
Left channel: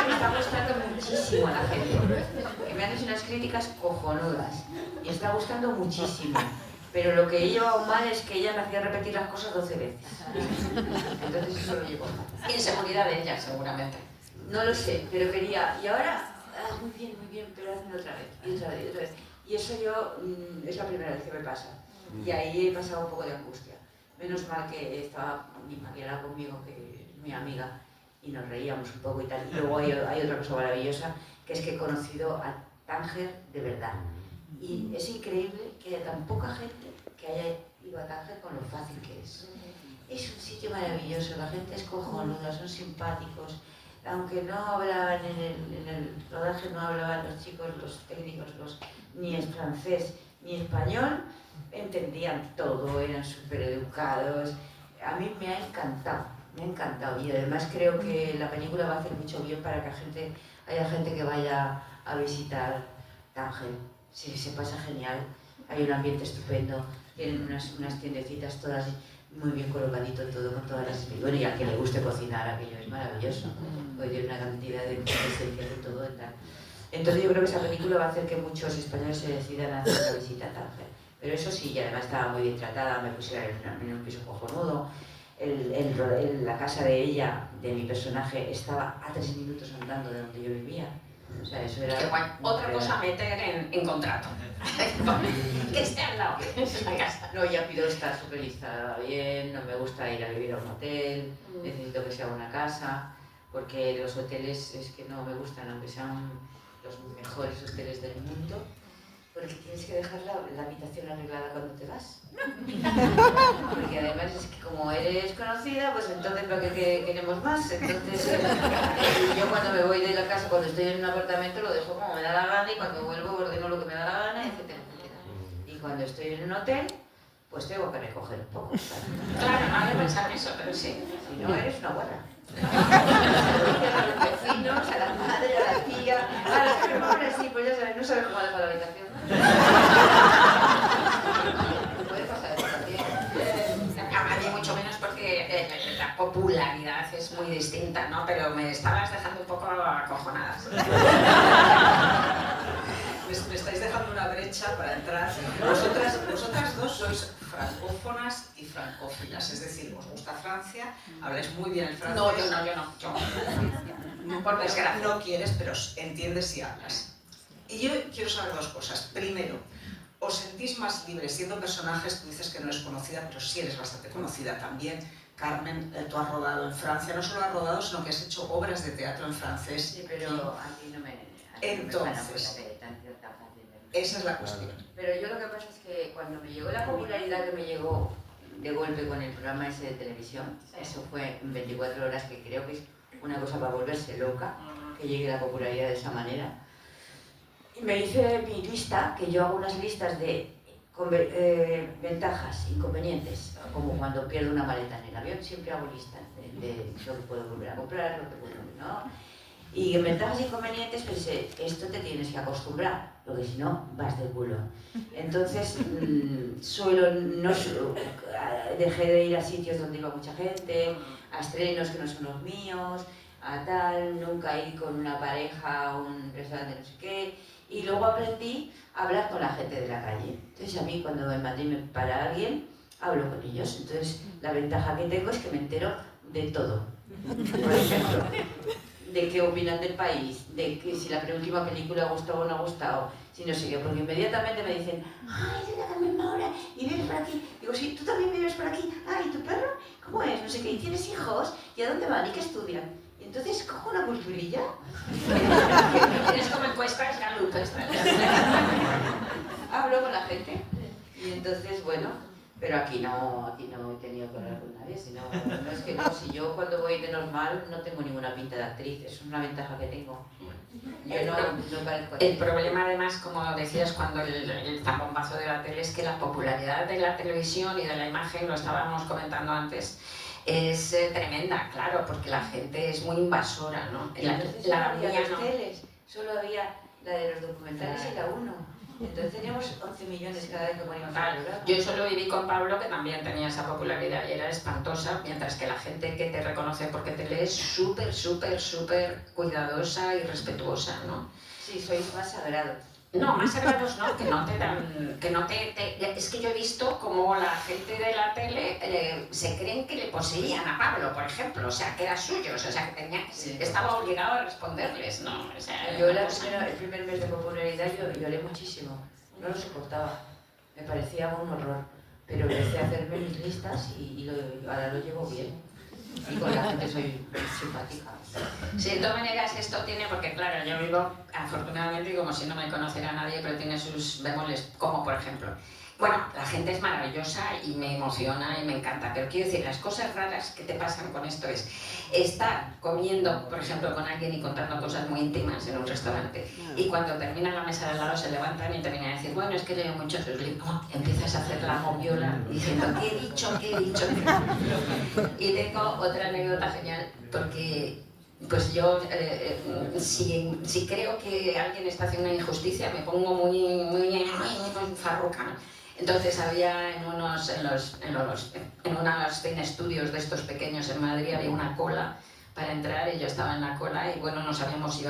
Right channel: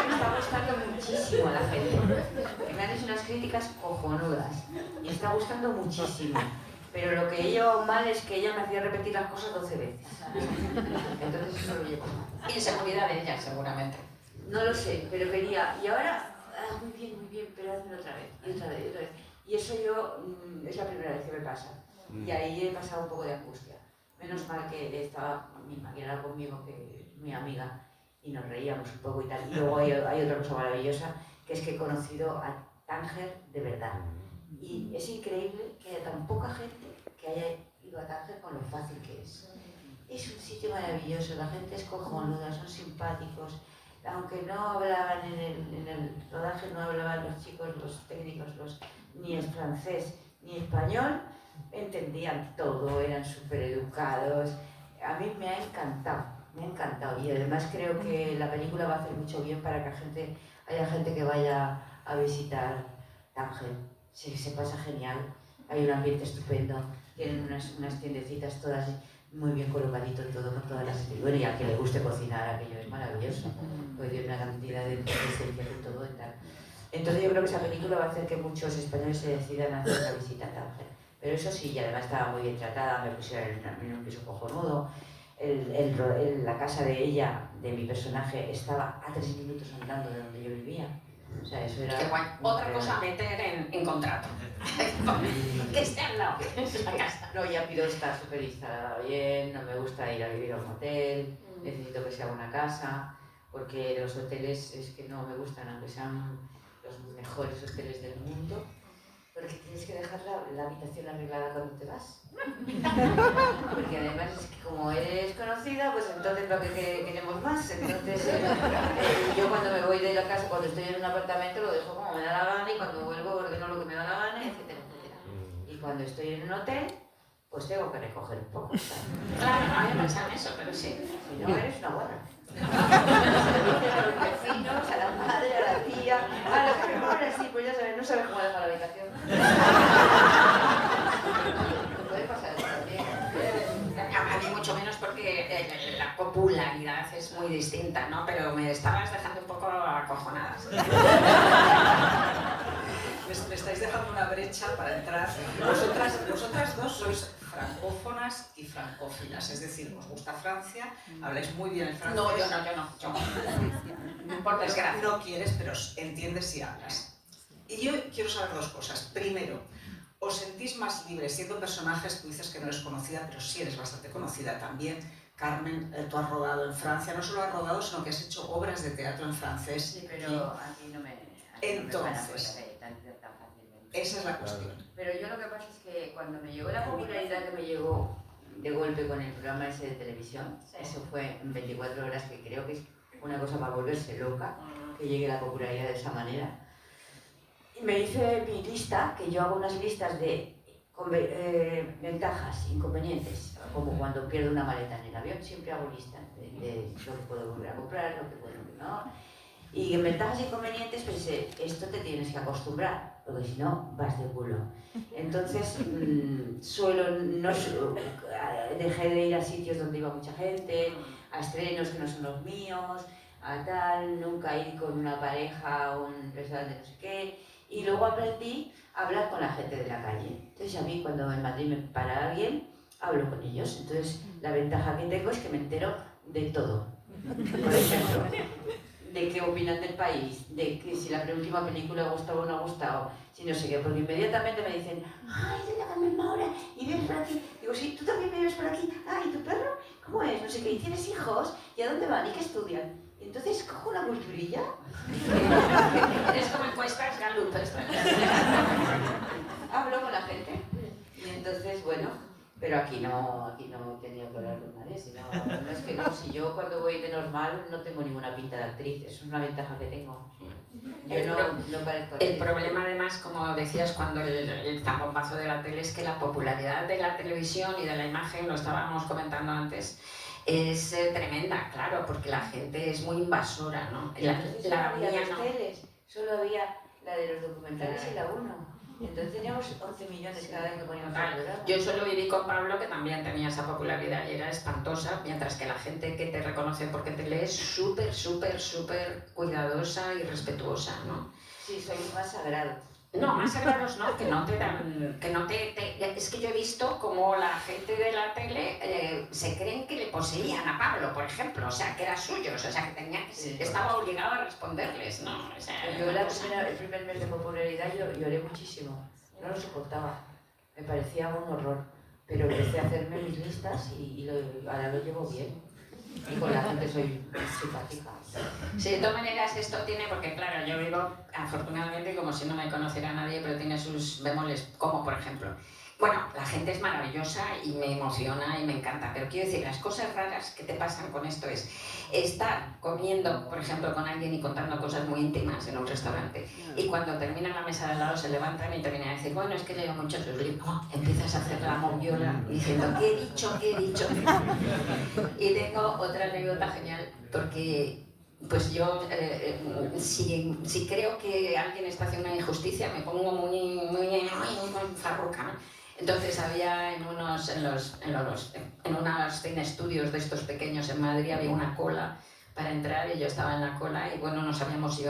me está gustando muchísimo a la gente. Que me han hecho unas críticas cojonudas. Y está gustando muchísimo. Pero lo que he llevado mal es que ella me hacía repetir las cosas 12 veces. Entonces eso lo llevo mal. Inseguridad de ella, seguramente. No lo sé, pero quería... Y ahora, muy bien, pero hazme otra vez, y otra vez, y otra vez. Y eso yo, es la primera vez que me pasa. Y ahí he pasado un poco de angustia. Menos mal que estaba mi maquinada conmigo, que es mi amiga, y nos reíamos un poco y tal. Y luego hay otra cosa maravillosa, que es que he conocido a Tánger de verdad. Y es increíble que haya tan poca gente que haya ido a Tánger con lo fácil que es. Es un sitio maravilloso, la gente es cojonuda, son simpáticos. Aunque no hablaban en el rodaje, no hablaban los chicos, los técnicos, ni es francés ni español, entendían todo, eran súper educados. A mí me ha encantado y además creo que la película va a hacer mucho bien para que haya gente que vaya a visitar Tánger. Se pasa genial, hay un ambiente estupendo, tienen unas tiendecitas todas muy bien colocadito todo, con todas las... Bueno, y a quien le guste cocinar, aquello es maravilloso, porque tiene una cantidad de esencias y todo y tal. Entonces yo creo que esa película va a hacer que muchos españoles se decidan a hacer la visita a Tánger. Pero eso sí, y además estaba muy bien tratada, me pusieron en un piso cojonudo. La casa de ella, de mi personaje, estaba a 3 minutos andando de donde yo vivía. O sea, eso era... Otra cosa a meter en contrato. Que esté al lado. La casa. No, ya pido estar súper instalada bien, no me gusta ir a vivir a un hotel, necesito que sea una casa, porque de los hoteles es que no me gustan, aunque sean los mejores hoteles del mundo, porque tienes que dejar la habitación arreglada cuando te vas. Porque además es que como eres conocida, pues entonces ¿para qué queremos más? Entonces yo cuando me voy de la casa, cuando estoy en un apartamento, lo dejo como me da la gana y cuando vuelvo ordeno lo que me da la gana, etcétera, etcétera. Y cuando estoy en un hotel, pues tengo que recoger un poco. Claro, no había pensado en eso, pero sí. Si no, eres una buena. A los vecinos, a la madre, a la tía, a los que me ponen así, pues ya sabes, no sabes cómo dejo la habitación. Puede pasar eso también. A mí mucho menos porque la popularidad es muy distinta, ¿no? Pero me estabas dejando un poco acojonadas. Me estáis dejando una brecha para entrar. Vosotras dos sois francófonas y francófilas, es decir, os gusta Francia, habláis muy bien el francés. No, yo no. Por desgracia. No quieres, pero entiendes y hablas. Y yo quiero saber dos cosas. Primero, ¿os sentís más libres siendo personajes? Tú dices que no eres conocida, pero sí eres bastante conocida también. Carmen, tú has rodado en Francia, no solo has rodado, sino que has hecho obras de teatro en francés. Sí, pero aquí no me van a poner tan fácilmente. Esa es la cuestión. Pero yo lo que pasa es que cuando me llegó la popularidad que me llegó de golpe con el programa ese de televisión, eso fue en 24 horas, que creo que es una cosa para volverse loca, que llegue la popularidad de esa manera. Y me hice mi lista, que yo hago unas listas de ventajas, inconvenientes, como cuando pierdo una maleta en el avión, siempre hago listas de lo que puedo volver a comprar, lo que puedo, ¿no? Y en ventajas e inconvenientes pensé, esto te tienes que acostumbrar, porque si no, vas de culo. Entonces, dejé de ir a sitios donde iba mucha gente, a estrenos que no son los míos, a tal, nunca ir con una pareja a un restaurante no sé qué. Y luego aprendí a hablar con la gente de la calle. Entonces a mí cuando me mandé para alguien, hablo con ellos. Entonces la ventaja que tengo es que me entero de todo. Por ejemplo, de qué opinan del país, de que si la última película ha gustado o no ha gustado, si no sé qué, porque inmediatamente me dicen, ay, es de la Carmen Maura, y vives por aquí. Digo, sí, tú también vives por aquí. Ah, ¿y tu perro? ¿Cómo es? No sé qué, ¿y tienes hijos? ¿Y a dónde van? ¿Y qué estudian? Y entonces cojo una culturilla. Es como encuestas Gallup. Hablo con la gente. Y entonces, bueno, pero aquí no he tenido que hablar con nadie, sino, no es que no, si yo cuando voy de normal no tengo ninguna pinta de actriz, es una ventaja que tengo. Yo no parezco actriz. El problema además, como decías, cuando el zambombazo de la tele es que la popularidad de la televisión y de la imagen, lo estábamos comentando antes, es tremenda, claro, porque la gente es muy invasora, ¿no? Entonces no había dos teles, solo había la de los documentales y la 1. Entonces teníamos 11 millones cada vez que poníamos el programa. Yo solo viví con Pablo, que también tenía esa popularidad y era espantosa, mientras que la gente que te reconoce porque te lee es súper, súper, súper cuidadosa y respetuosa, ¿no? Sí, sois más sagrados. No, más sagrados no, que no te dan, es que yo he visto como la gente de la tele se creen que le poseían a Pablo, por ejemplo, o sea, que era suyo, o sea, que estaba obligado a responderles, ¿no? O sea, yo el primer mes de popularidad yo lloré muchísimo, no lo soportaba, me parecía un horror, pero empecé a hacerme mis listas y ahora lo llevo bien, y con la gente soy simpática. Sí, de todas maneras esto tiene, porque claro, yo vivo afortunadamente como si no me conociera nadie, pero tiene sus bemoles, como por ejemplo, bueno, la gente es maravillosa y me emociona y me encanta, pero quiero decir, las cosas raras que te pasan con esto es estar comiendo, por ejemplo, con alguien y contando cosas muy íntimas en un restaurante y cuando termina la mesa de al lado se levantan y te vienen a decir, bueno, es que leo mucho tus libros, empiezas a hacer la moviola diciendo, ¿qué he dicho? ¿Qué he dicho? Y tengo otra anécdota genial, porque pues yo, si creo que alguien está haciendo una injusticia, me pongo muy farruca, ¿no? Entonces había en unos cine estudios de estos pequeños en Madrid, había una cola para entrar y yo estaba en la cola y bueno, no sabíamos si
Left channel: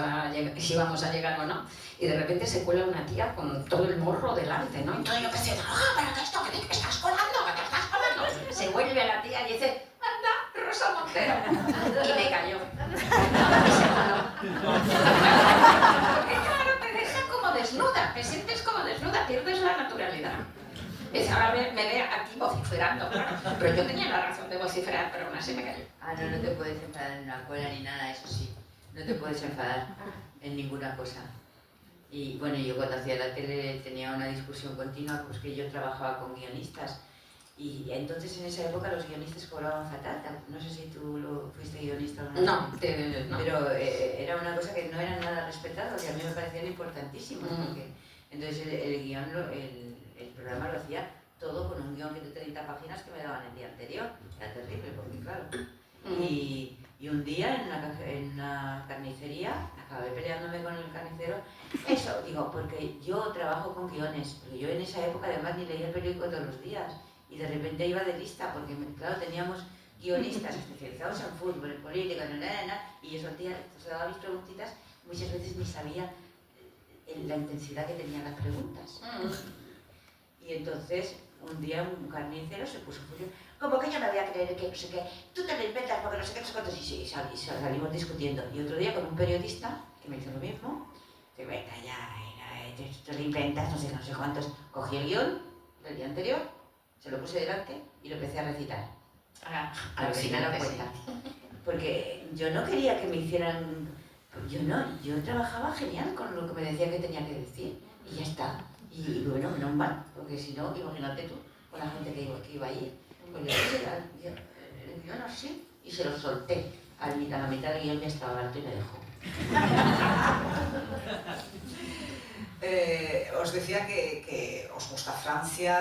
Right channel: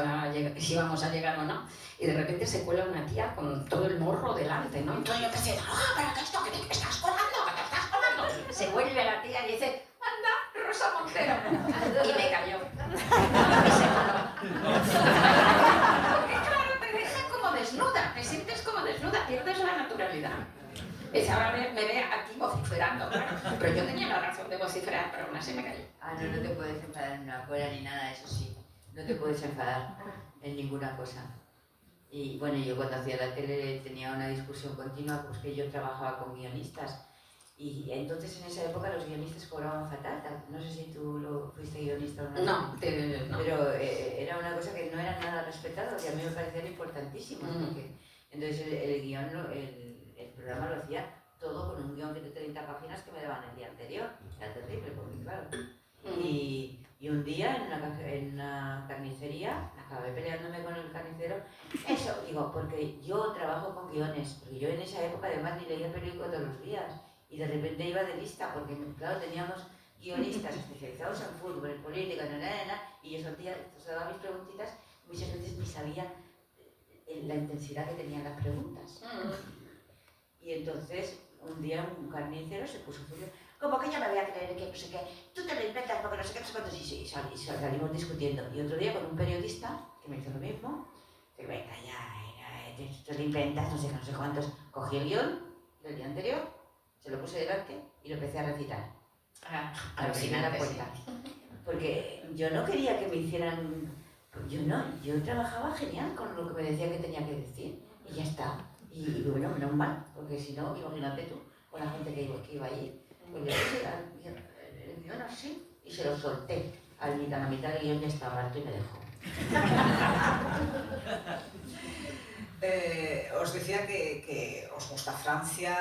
íbamos a llegar o no. Y de repente se cuela una tía con todo el morro delante, ¿no? Entonces yo empecé a decir, pero ¿qué es esto? ¿Que te estás colando? ¿Que te estás colando? Se vuelve la tía y dice, anda, Rosa Montero. Y me cayó. Porque claro, te deja como desnuda, te sientes como desnuda, pierdes la naturalidad. Y ahora me ve aquí vociferando, claro. Pero yo tenía la razón de vociferar, pero aún así me cayó. Ah, no te puedes enfadar en una cola ni nada, eso sí. No te puedes enfadar en ninguna cosa. Y bueno, yo cuando hacía la tele tenía una discusión continua, pues que yo trabajaba con guionistas. Y entonces en esa época los guionistas cobraban fatal. No sé si tú fuiste guionista o no. No. Pero era una cosa que no era nada respetado, que a mí me parecía importantísimo. Porque, entonces el guión, el programa lo hacía todo con un guión de 30 páginas que me daban el día anterior. Era terrible, porque claro. Y un día en una carnicería acabé peleándome con el carnicero. Eso, digo, porque yo trabajo con guiones, porque yo en esa época además ni leía el periódico todos los días. Y de repente iba de lista, porque claro, teníamos guionistas especializados en fútbol, en política, y yo soltaba mis preguntitas, muchas veces ni sabía la intensidad que tenían las preguntas. Y entonces, un día un carnicero se puso furioso, como que yo me voy a creer que no sé qué, tú te lo inventas porque no sé qué, no sé cuántos, y salimos discutiendo. Y otro día con un periodista, que me hizo lo mismo, digo, venga ya, te lo inventas, no sé cuántos, cogí el guión del día anterior, se lo puse delante y lo empecé a recitar. A ver si me daba cuenta. Porque yo no quería que me hicieran... Yo trabajaba genial con lo que me decía que tenía que decir. Y ya está. Y bueno, menos mal, porque si no, imagínate tú, con la gente que iba allí. Pues yo puse el guión así y se lo solté. A la mitad del guión ya estaba alto y me dejó. Os decía que os gusta Francia,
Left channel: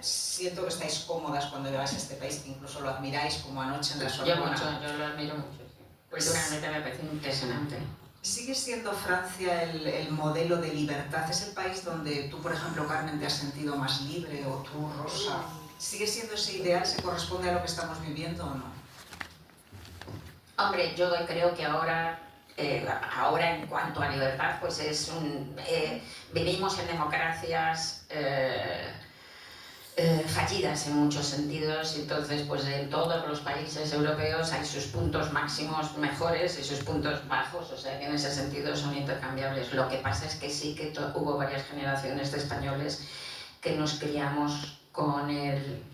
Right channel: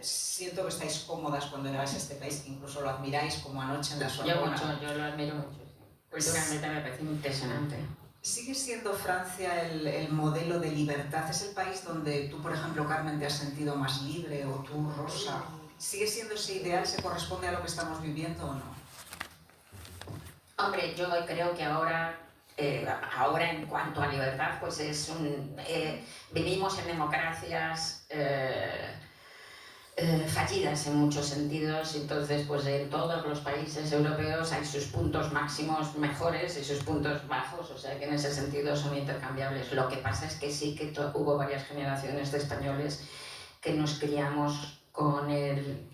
siento que estáis cómodas cuando llegáis a este país, que incluso lo admiráis como anoche en la Sorbona. Yo lo admiro mucho. Culturalmente me parece impresionante. ¿Sigue siendo Francia el modelo de libertad? ¿Es el país donde tú, por ejemplo, Carmen, te has sentido más libre, o tú, Rosa? ¿Sigue siendo ese ideal? ¿Se corresponde a lo que estamos viviendo o no? Hombre, yo creo que ahora en cuanto a libertad, pues vivimos en democracias fallidas en muchos sentidos, entonces pues en todos los países europeos hay sus puntos máximos mejores y sus puntos bajos, o sea que en ese sentido son intercambiables. Lo que pasa es que sí que hubo varias generaciones de españoles que nos criamos con el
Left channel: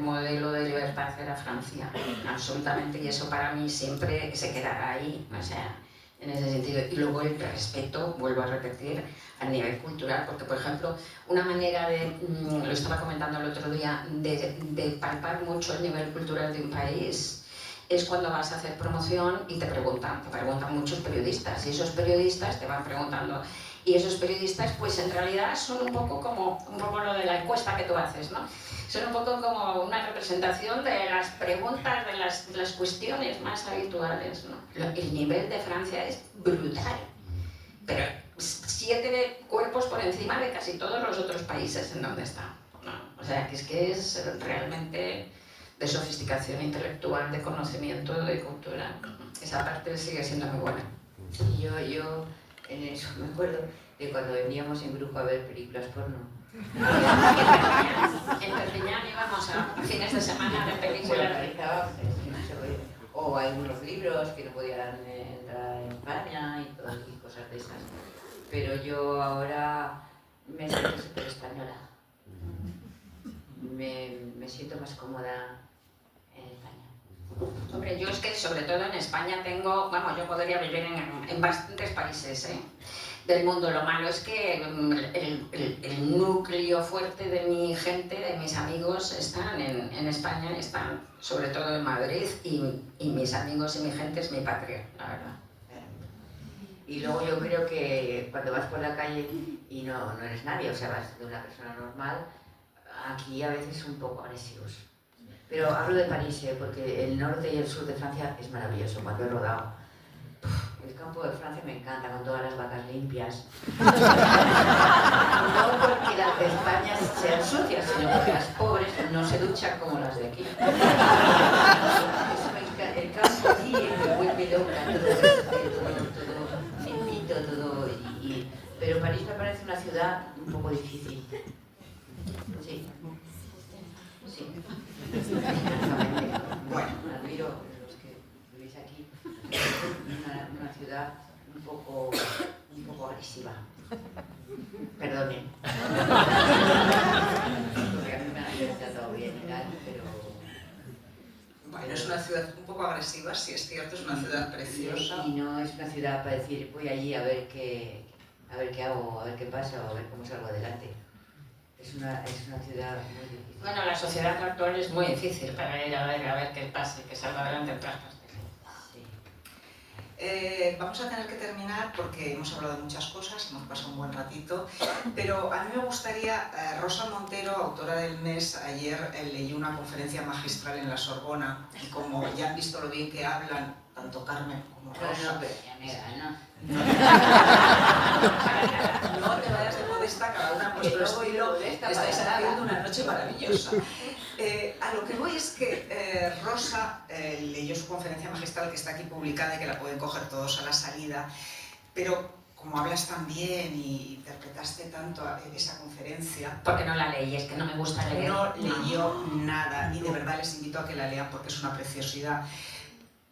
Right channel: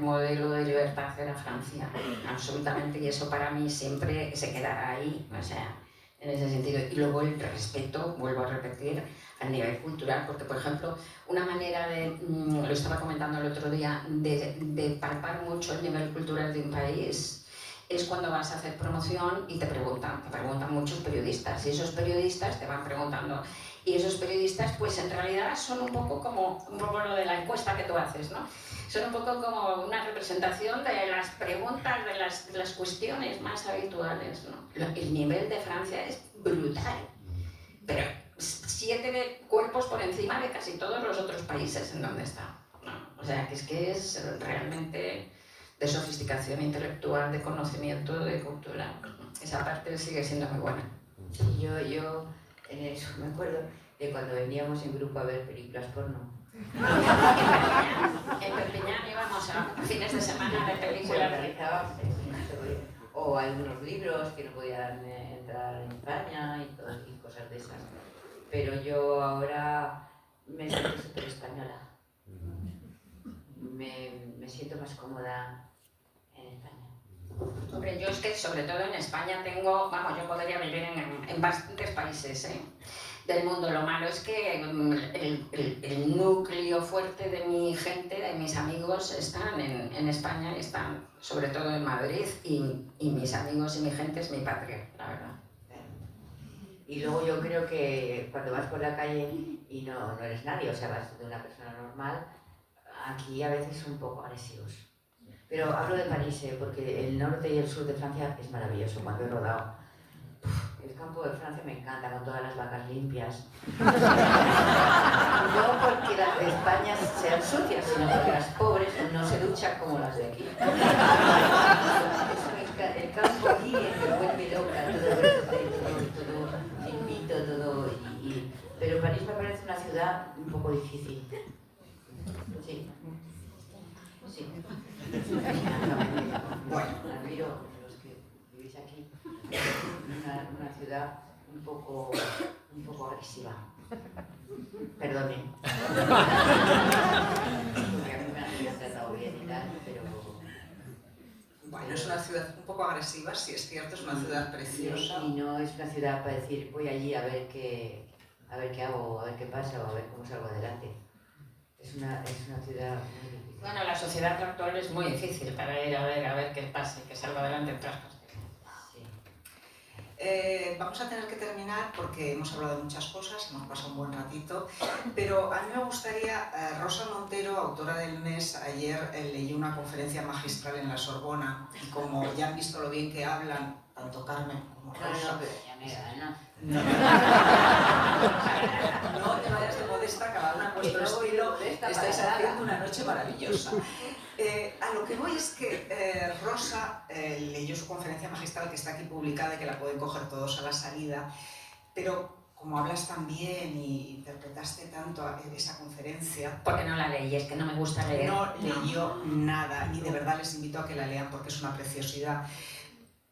modelo de libertad de la Francia, absolutamente, y eso para mí siempre se quedará ahí, o sea, en ese sentido. Y luego el respeto, vuelvo a repetir, a nivel cultural, porque por ejemplo, una manera de, lo estaba comentando el otro día, de palpar mucho el nivel cultural de un país es cuando vas a hacer promoción y te preguntan muchos periodistas, y esos periodistas te van preguntando, y esos periodistas pues en realidad son un poco lo de la encuesta que tú haces, ¿no? Son un poco como una representación de las preguntas, de las cuestiones más habituales, ¿no? El nivel de Francia es brutal, pero 7 cuerpos por encima de casi todos los otros países en donde está, ¿no? O sea, que es realmente de sofisticación intelectual, de conocimiento, de cultura. Esa parte sigue siendo muy buena. Sí, yo en eso me acuerdo de cuando veníamos en grupo a ver películas porno. En Perpiñán íbamos a fines de semana de películas. O hay unos libros que no podían entrar en España y cosas de esas. Pero yo ahora me siento súper española. Me siento más cómoda en España. Hombre, yo es que sobre todo en España yo podría vivir en bastantes países del mundo. Lo malo es que el núcleo fuerte de mi gente, de mis amigos, están en España, están sobre todo en Madrid, y mis amigos y mi gente es mi patria, la verdad. Y luego yo creo que cuando vas por la calle y no eres nadie, o sea, vas de una persona normal, aquí a veces son un poco agresivos. Pero hablo de París, porque el norte y el sur de Francia es maravilloso, cuando he rodado. El campo de Francia me encanta, con todas las vacas limpias. No porque las de España sean sucias, sino porque las pobres no se duchan como las de aquí. Eso me encanta. El campo allí me vuelve loca, todo limpito, todo. Pero París me parece una ciudad un poco difícil. Sí. Sí. Bueno, admiro a los que vivís aquí. Una ciudad un poco agresiva. Perdonen. Porque a mí me han tratado bien y tal, pero... Bueno, es una ciudad un poco agresiva, sí es cierto, es una ciudad preciosa. Y no es una ciudad para decir, voy allí a ver qué hago, a ver qué pasa o a ver cómo salgo adelante. Es una ciudad muy difícil. Bueno, la sociedad actual es muy difícil para ir a ver qué pasa y que salga adelante en todas partes. Vamos a tener que terminar porque hemos hablado de muchas cosas, hemos pasado un buen ratito, pero a mí me gustaría, Rosa Montero, autora del mes, ayer leyó una conferencia magistral en la Sorbona, y como ya han visto lo bien que hablan, tanto Carmen como Rosa... No, pero ya me gana. No te vayas de modesta, cada una a nuestro estilo, estáis haciendo una noche maravillosa. A lo que voy es que Rosa leyó su conferencia magistral, que está aquí publicada y que la pueden coger todos a la salida, pero como hablas tan bien y interpretaste tanto esa conferencia... Porque no la leí, es que no me gusta leer. No leyó nada, y de verdad les invito a que la lean porque es una preciosidad.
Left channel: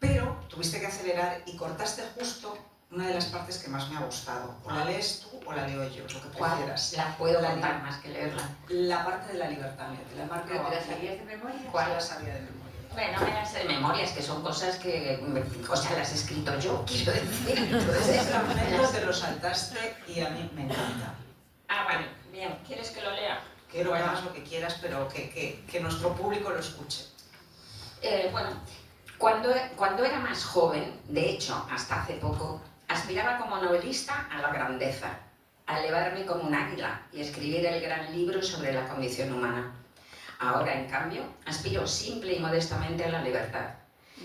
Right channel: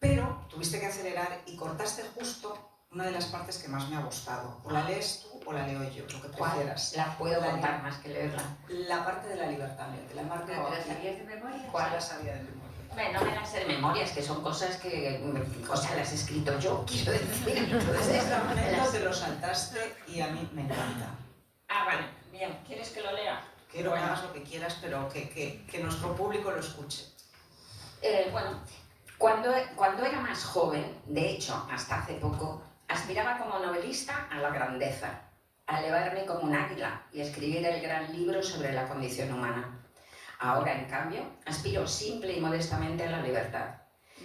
Pero tuviste que acelerar y cortaste justo una de las partes que más me ha gustado. O la lees tú o la leo yo, lo que prefieras. La puedo contar más que leerla. La parte de la libertad, mira, te la marco. ¿Te la sabías de memoria? ¿Cuál la sabía de memoria? Hombre, no me las sé de memoria, es que son cosas que, o sea, las he escrito yo, quiero decir. Entonces, Ese fragmento te lo saltaste y a mí me encanta. Ah, vale, bien. ¿Quieres que lo lea? Quiero que hagas lo que quieras, pero que nuestro público lo escuche. Bueno, cuando era más joven, de hecho, hasta hace poco, aspiraba como novelista a la grandeza, a elevarme como un águila y escribir el gran libro sobre la condición humana. Ahora, en cambio, aspiro simple y modestamente a la libertad.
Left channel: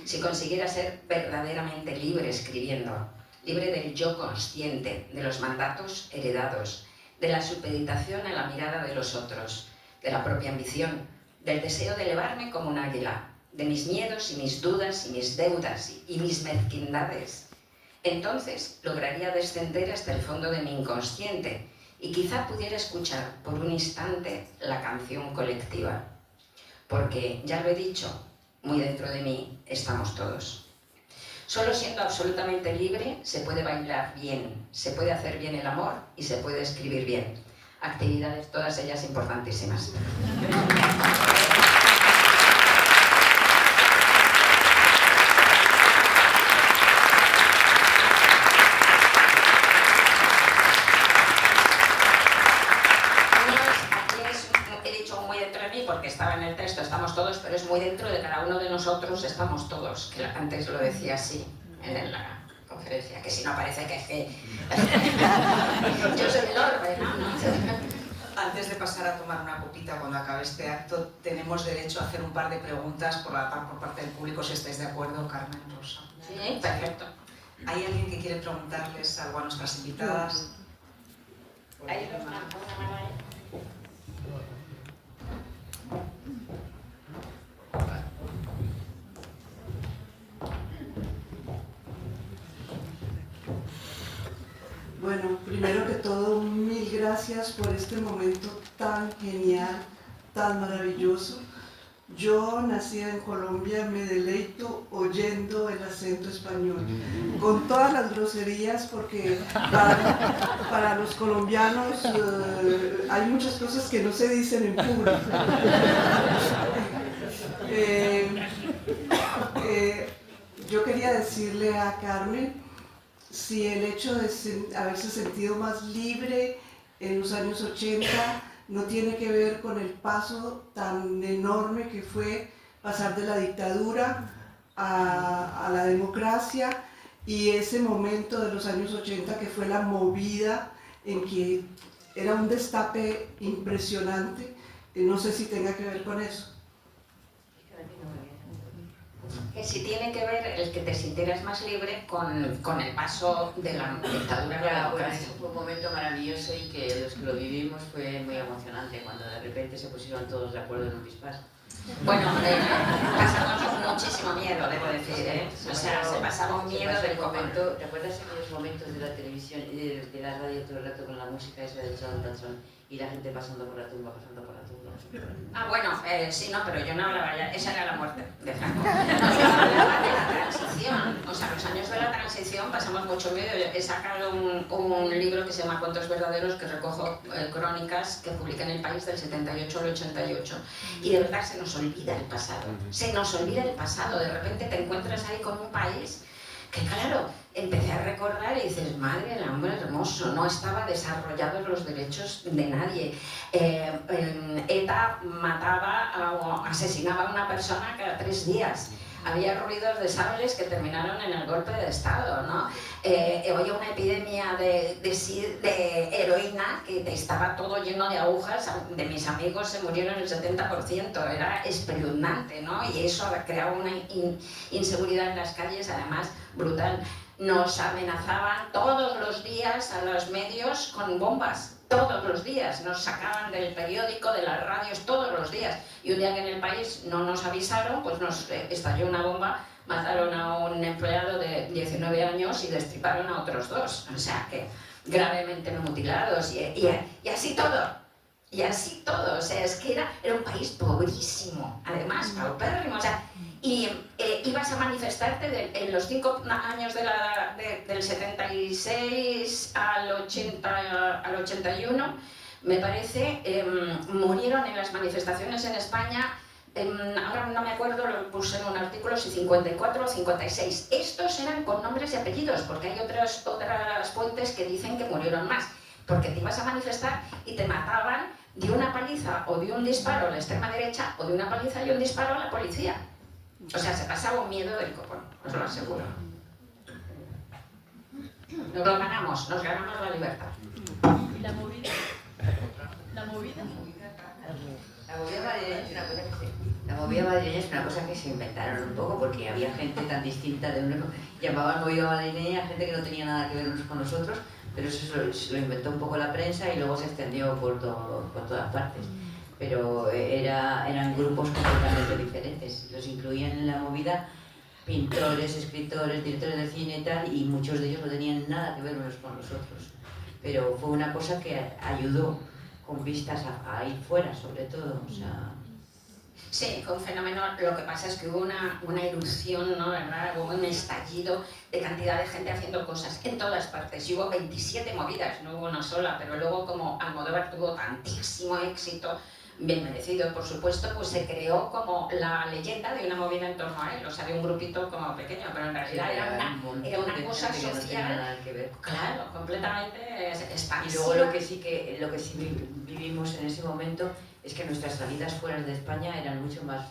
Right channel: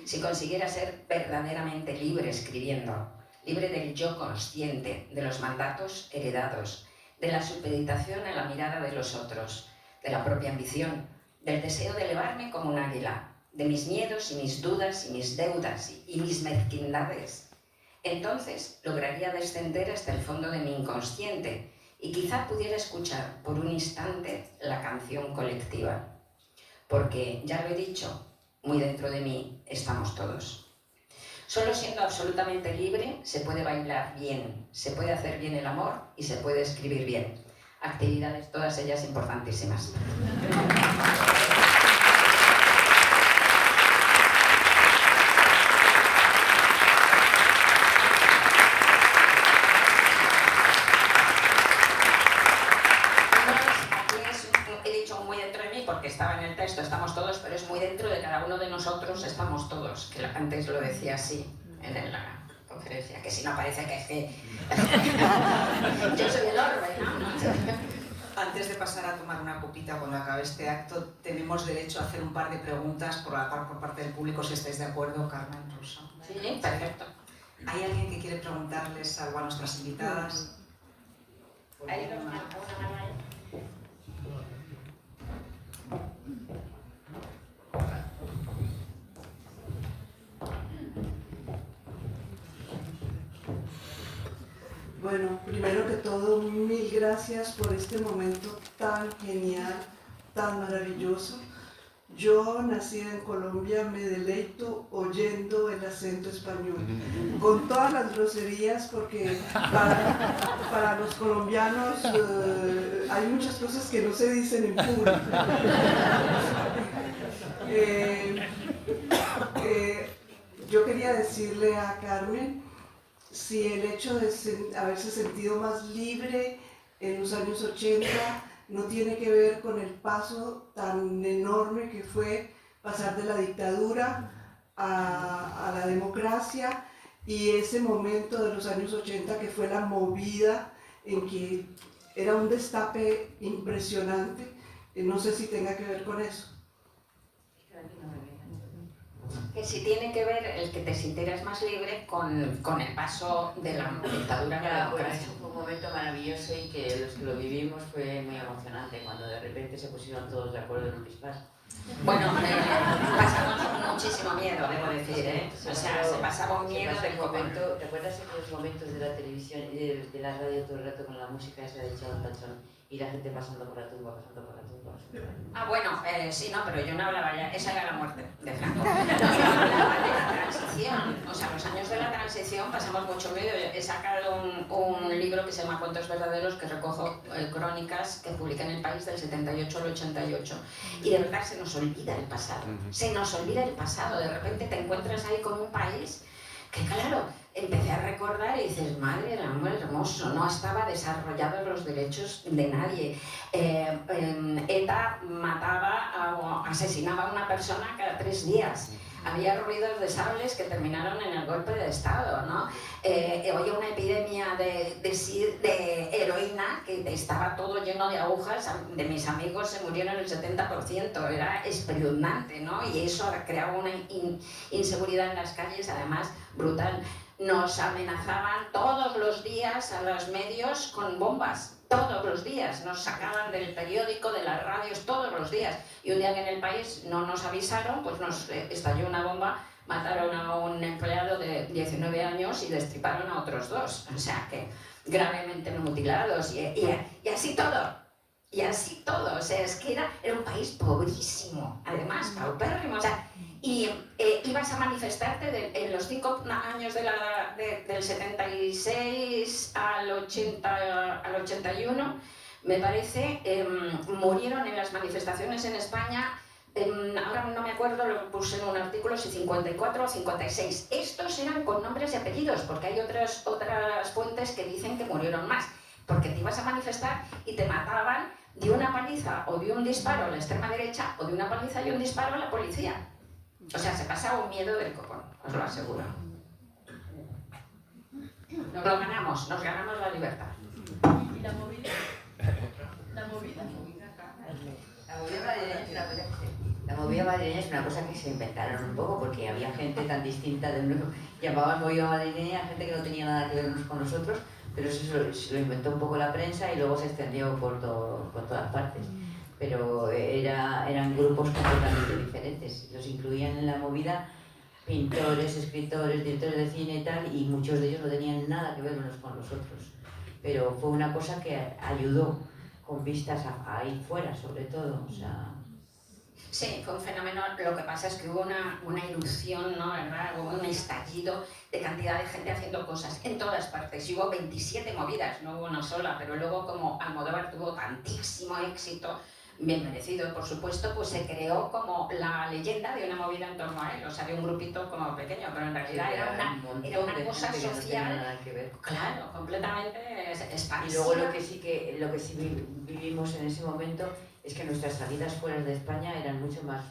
Si consiguiera ser verdaderamente libre escribiendo, libre del yo consciente, de los mandatos heredados, de la supeditación a la mirada de los otros, de la propia ambición, del deseo de elevarme como un águila, de mis miedos y mis dudas y mis deudas y mis mezquindades. Entonces lograría descender hasta el fondo de mi inconsciente y quizá pudiera escuchar por un instante la canción colectiva. Porque, ya lo he dicho, muy dentro de mí estamos todos. Solo siendo absolutamente libre se puede bailar bien, se puede hacer bien el amor y se puede escribir bien. Actividades todas ellas importantísimas. Estaba en el texto, estamos todos, pero es muy dentro de cada uno de nosotros, estamos todos, que antes lo decía así en la conferencia, que si no parece que es que yo soy el orbe, ¿no? Antes de pasar a tomar una copita cuando acabe este acto, tenemos derecho a hacer un par de preguntas por parte del público, si estáis de acuerdo, Carmen, Rosa. Sí, perfecto. ¿Hay alguien que quiere preguntarles algo a nuestras invitadas? ¿Hay una mano ahí? Bueno, primero que todo, mil gracias por este momento tan genial, tan maravilloso. Yo, nacida en Colombia, me deleito oyendo el acento español, con todas las groserías, porque para los colombianos hay muchas cosas que no se dicen en público. Yo quería decirle a Carmen si el hecho de haberse sentido más libre en los años 80 no tiene que ver con el paso tan enorme que fue pasar de la dictadura a la democracia, y ese momento de los años 80 que fue la movida en que era un destape impresionante. No sé si tenga que ver con eso. Que si tiene que ver el que te sintieras más libre con el paso de la dictadura. Ya, bueno, eso fue un momento maravilloso y que los que lo vivimos fue muy emocionante cuando de repente se pusieron todos de acuerdo en un pispás. Bueno, pasamos muchísimo miedo, debo decir, ¿eh? O sea, se pasaba un miedo del momento. ¿Te acuerdas aquellos momentos de la televisión y de la radio todo el rato con la música esa de Chon Tachón y la gente pasando por la tumba, pasando por la tumba? Ah, bueno, sí, no, pero yo no hablaba ya, esa era la muerte de Franco. Yo hablaba de la transición, o sea, los años de la transición pasamos mucho ruido. He sacado un libro que se llama Cuentos Verdaderos, que recojo crónicas que publiqué en El País del 78 al 88. Y de verdad se nos olvida el pasado, se nos olvida el pasado. De repente te encuentras ahí con un país que, claro, empecé a recordar y dices, madre del amor hermoso, no estaba desarrollados los derechos de nadie. ETA mataba o asesinaba a una persona cada 3 días. Había ruidos de sables que terminaron en el golpe de Estado, ¿no? Había una epidemia de heroína que estaba todo lleno de agujas. De mis amigos se murieron el 70%, era espeluznante, ¿no? Y eso creaba una inseguridad en las calles, además, brutal. Nos amenazaban todos los días a los medios con bombas, todos los días. Nos sacaban del periódico, de las radios, todos los días. Y un día que en El País no nos avisaron, pues nos estalló una bomba, mataron a un empleado de 19 años y destriparon a otros 2. O sea que gravemente mutilados y así todo. Y así todo, o sea, es que era un país pobrísimo, además, paupérrimo. O sea, y ibas a manifestarte en los 5 años del 76 al 81, me parece, murieron en las manifestaciones en España, ahora no me acuerdo, lo puse en un artículo, si 54 o 56. Estos eran con nombres y apellidos, porque hay otras fuentes que dicen que murieron más, porque te ibas a manifestar y te mataban de una paliza o de un disparo a la extrema derecha o de una paliza y un disparo a la policía. O sea, se pasaba un miedo del copón, os lo aseguro. Nos ganamos la libertad. ¿Y la movida? La movida. La movida madrileña es una cosa que se inventaron un poco, porque había gente tan distinta de uno. Llamaban movida madrileña gente que no tenía nada que ver unos con los otros, pero eso se lo inventó un poco la prensa y luego se extendió por todas partes. Pero eran grupos completamente diferentes. Los incluían en la movida pintores, escritores, directores de cine y tal, y muchos de ellos no tenían nada que ver unos con los otros. Pero fue una cosa que ayudó con vistas a ir fuera, sobre todo. O sea... Sí, fue un fenómeno. Lo que pasa es que hubo una erupción, ¿no? ¿Verdad? Hubo un estallido de cantidad de gente haciendo cosas en todas partes. Y hubo 27 movidas, no hubo una sola, pero luego como Almodóvar tuvo tantísimo éxito, bien merecido, por supuesto, pues se creó como la leyenda de una movida en torno a él. O sea, había un grupito como pequeño, pero en realidad era una cosa social. No tenía nada que ver. Claro, completamente expansiva. Y luego lo que sí vivimos en ese momento es que nuestras salidas fuera de España eran mucho más...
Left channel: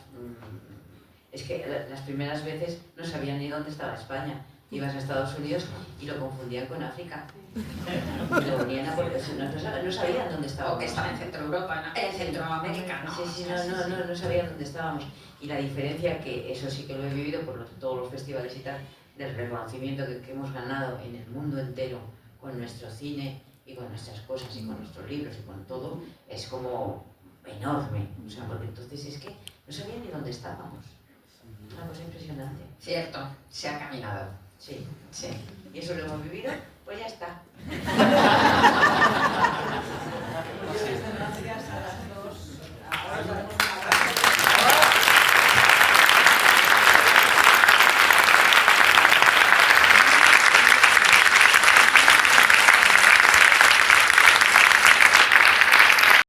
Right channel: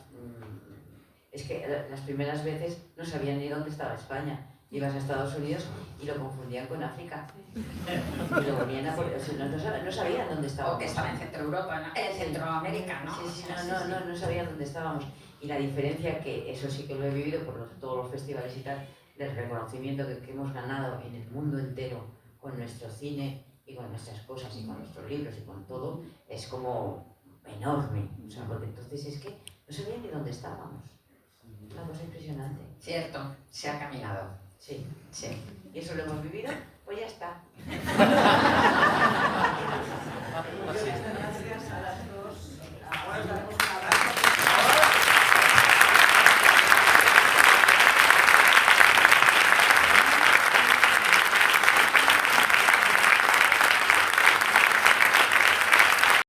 es que las primeras veces no sabían ni dónde estaba España. Ibas a Estados Unidos y lo confundían con África. Y lo venían a no sabían dónde estábamos. O que estaba en Centro Europa, ¿no? En Centroamérica, ¿no? Sí, no sabían dónde estábamos. Y la diferencia, que eso sí que lo he vivido por todos los festivales y tal, del reconocimiento que hemos ganado en el mundo entero con nuestro cine y con nuestras cosas y con nuestros libros y con todo, es como enorme. O sea, porque entonces es que no sabían ni dónde estábamos. Una cosa impresionante. Cierto, se ha caminado. Sí. Sí. Y eso lo hemos vivido, pues ya está.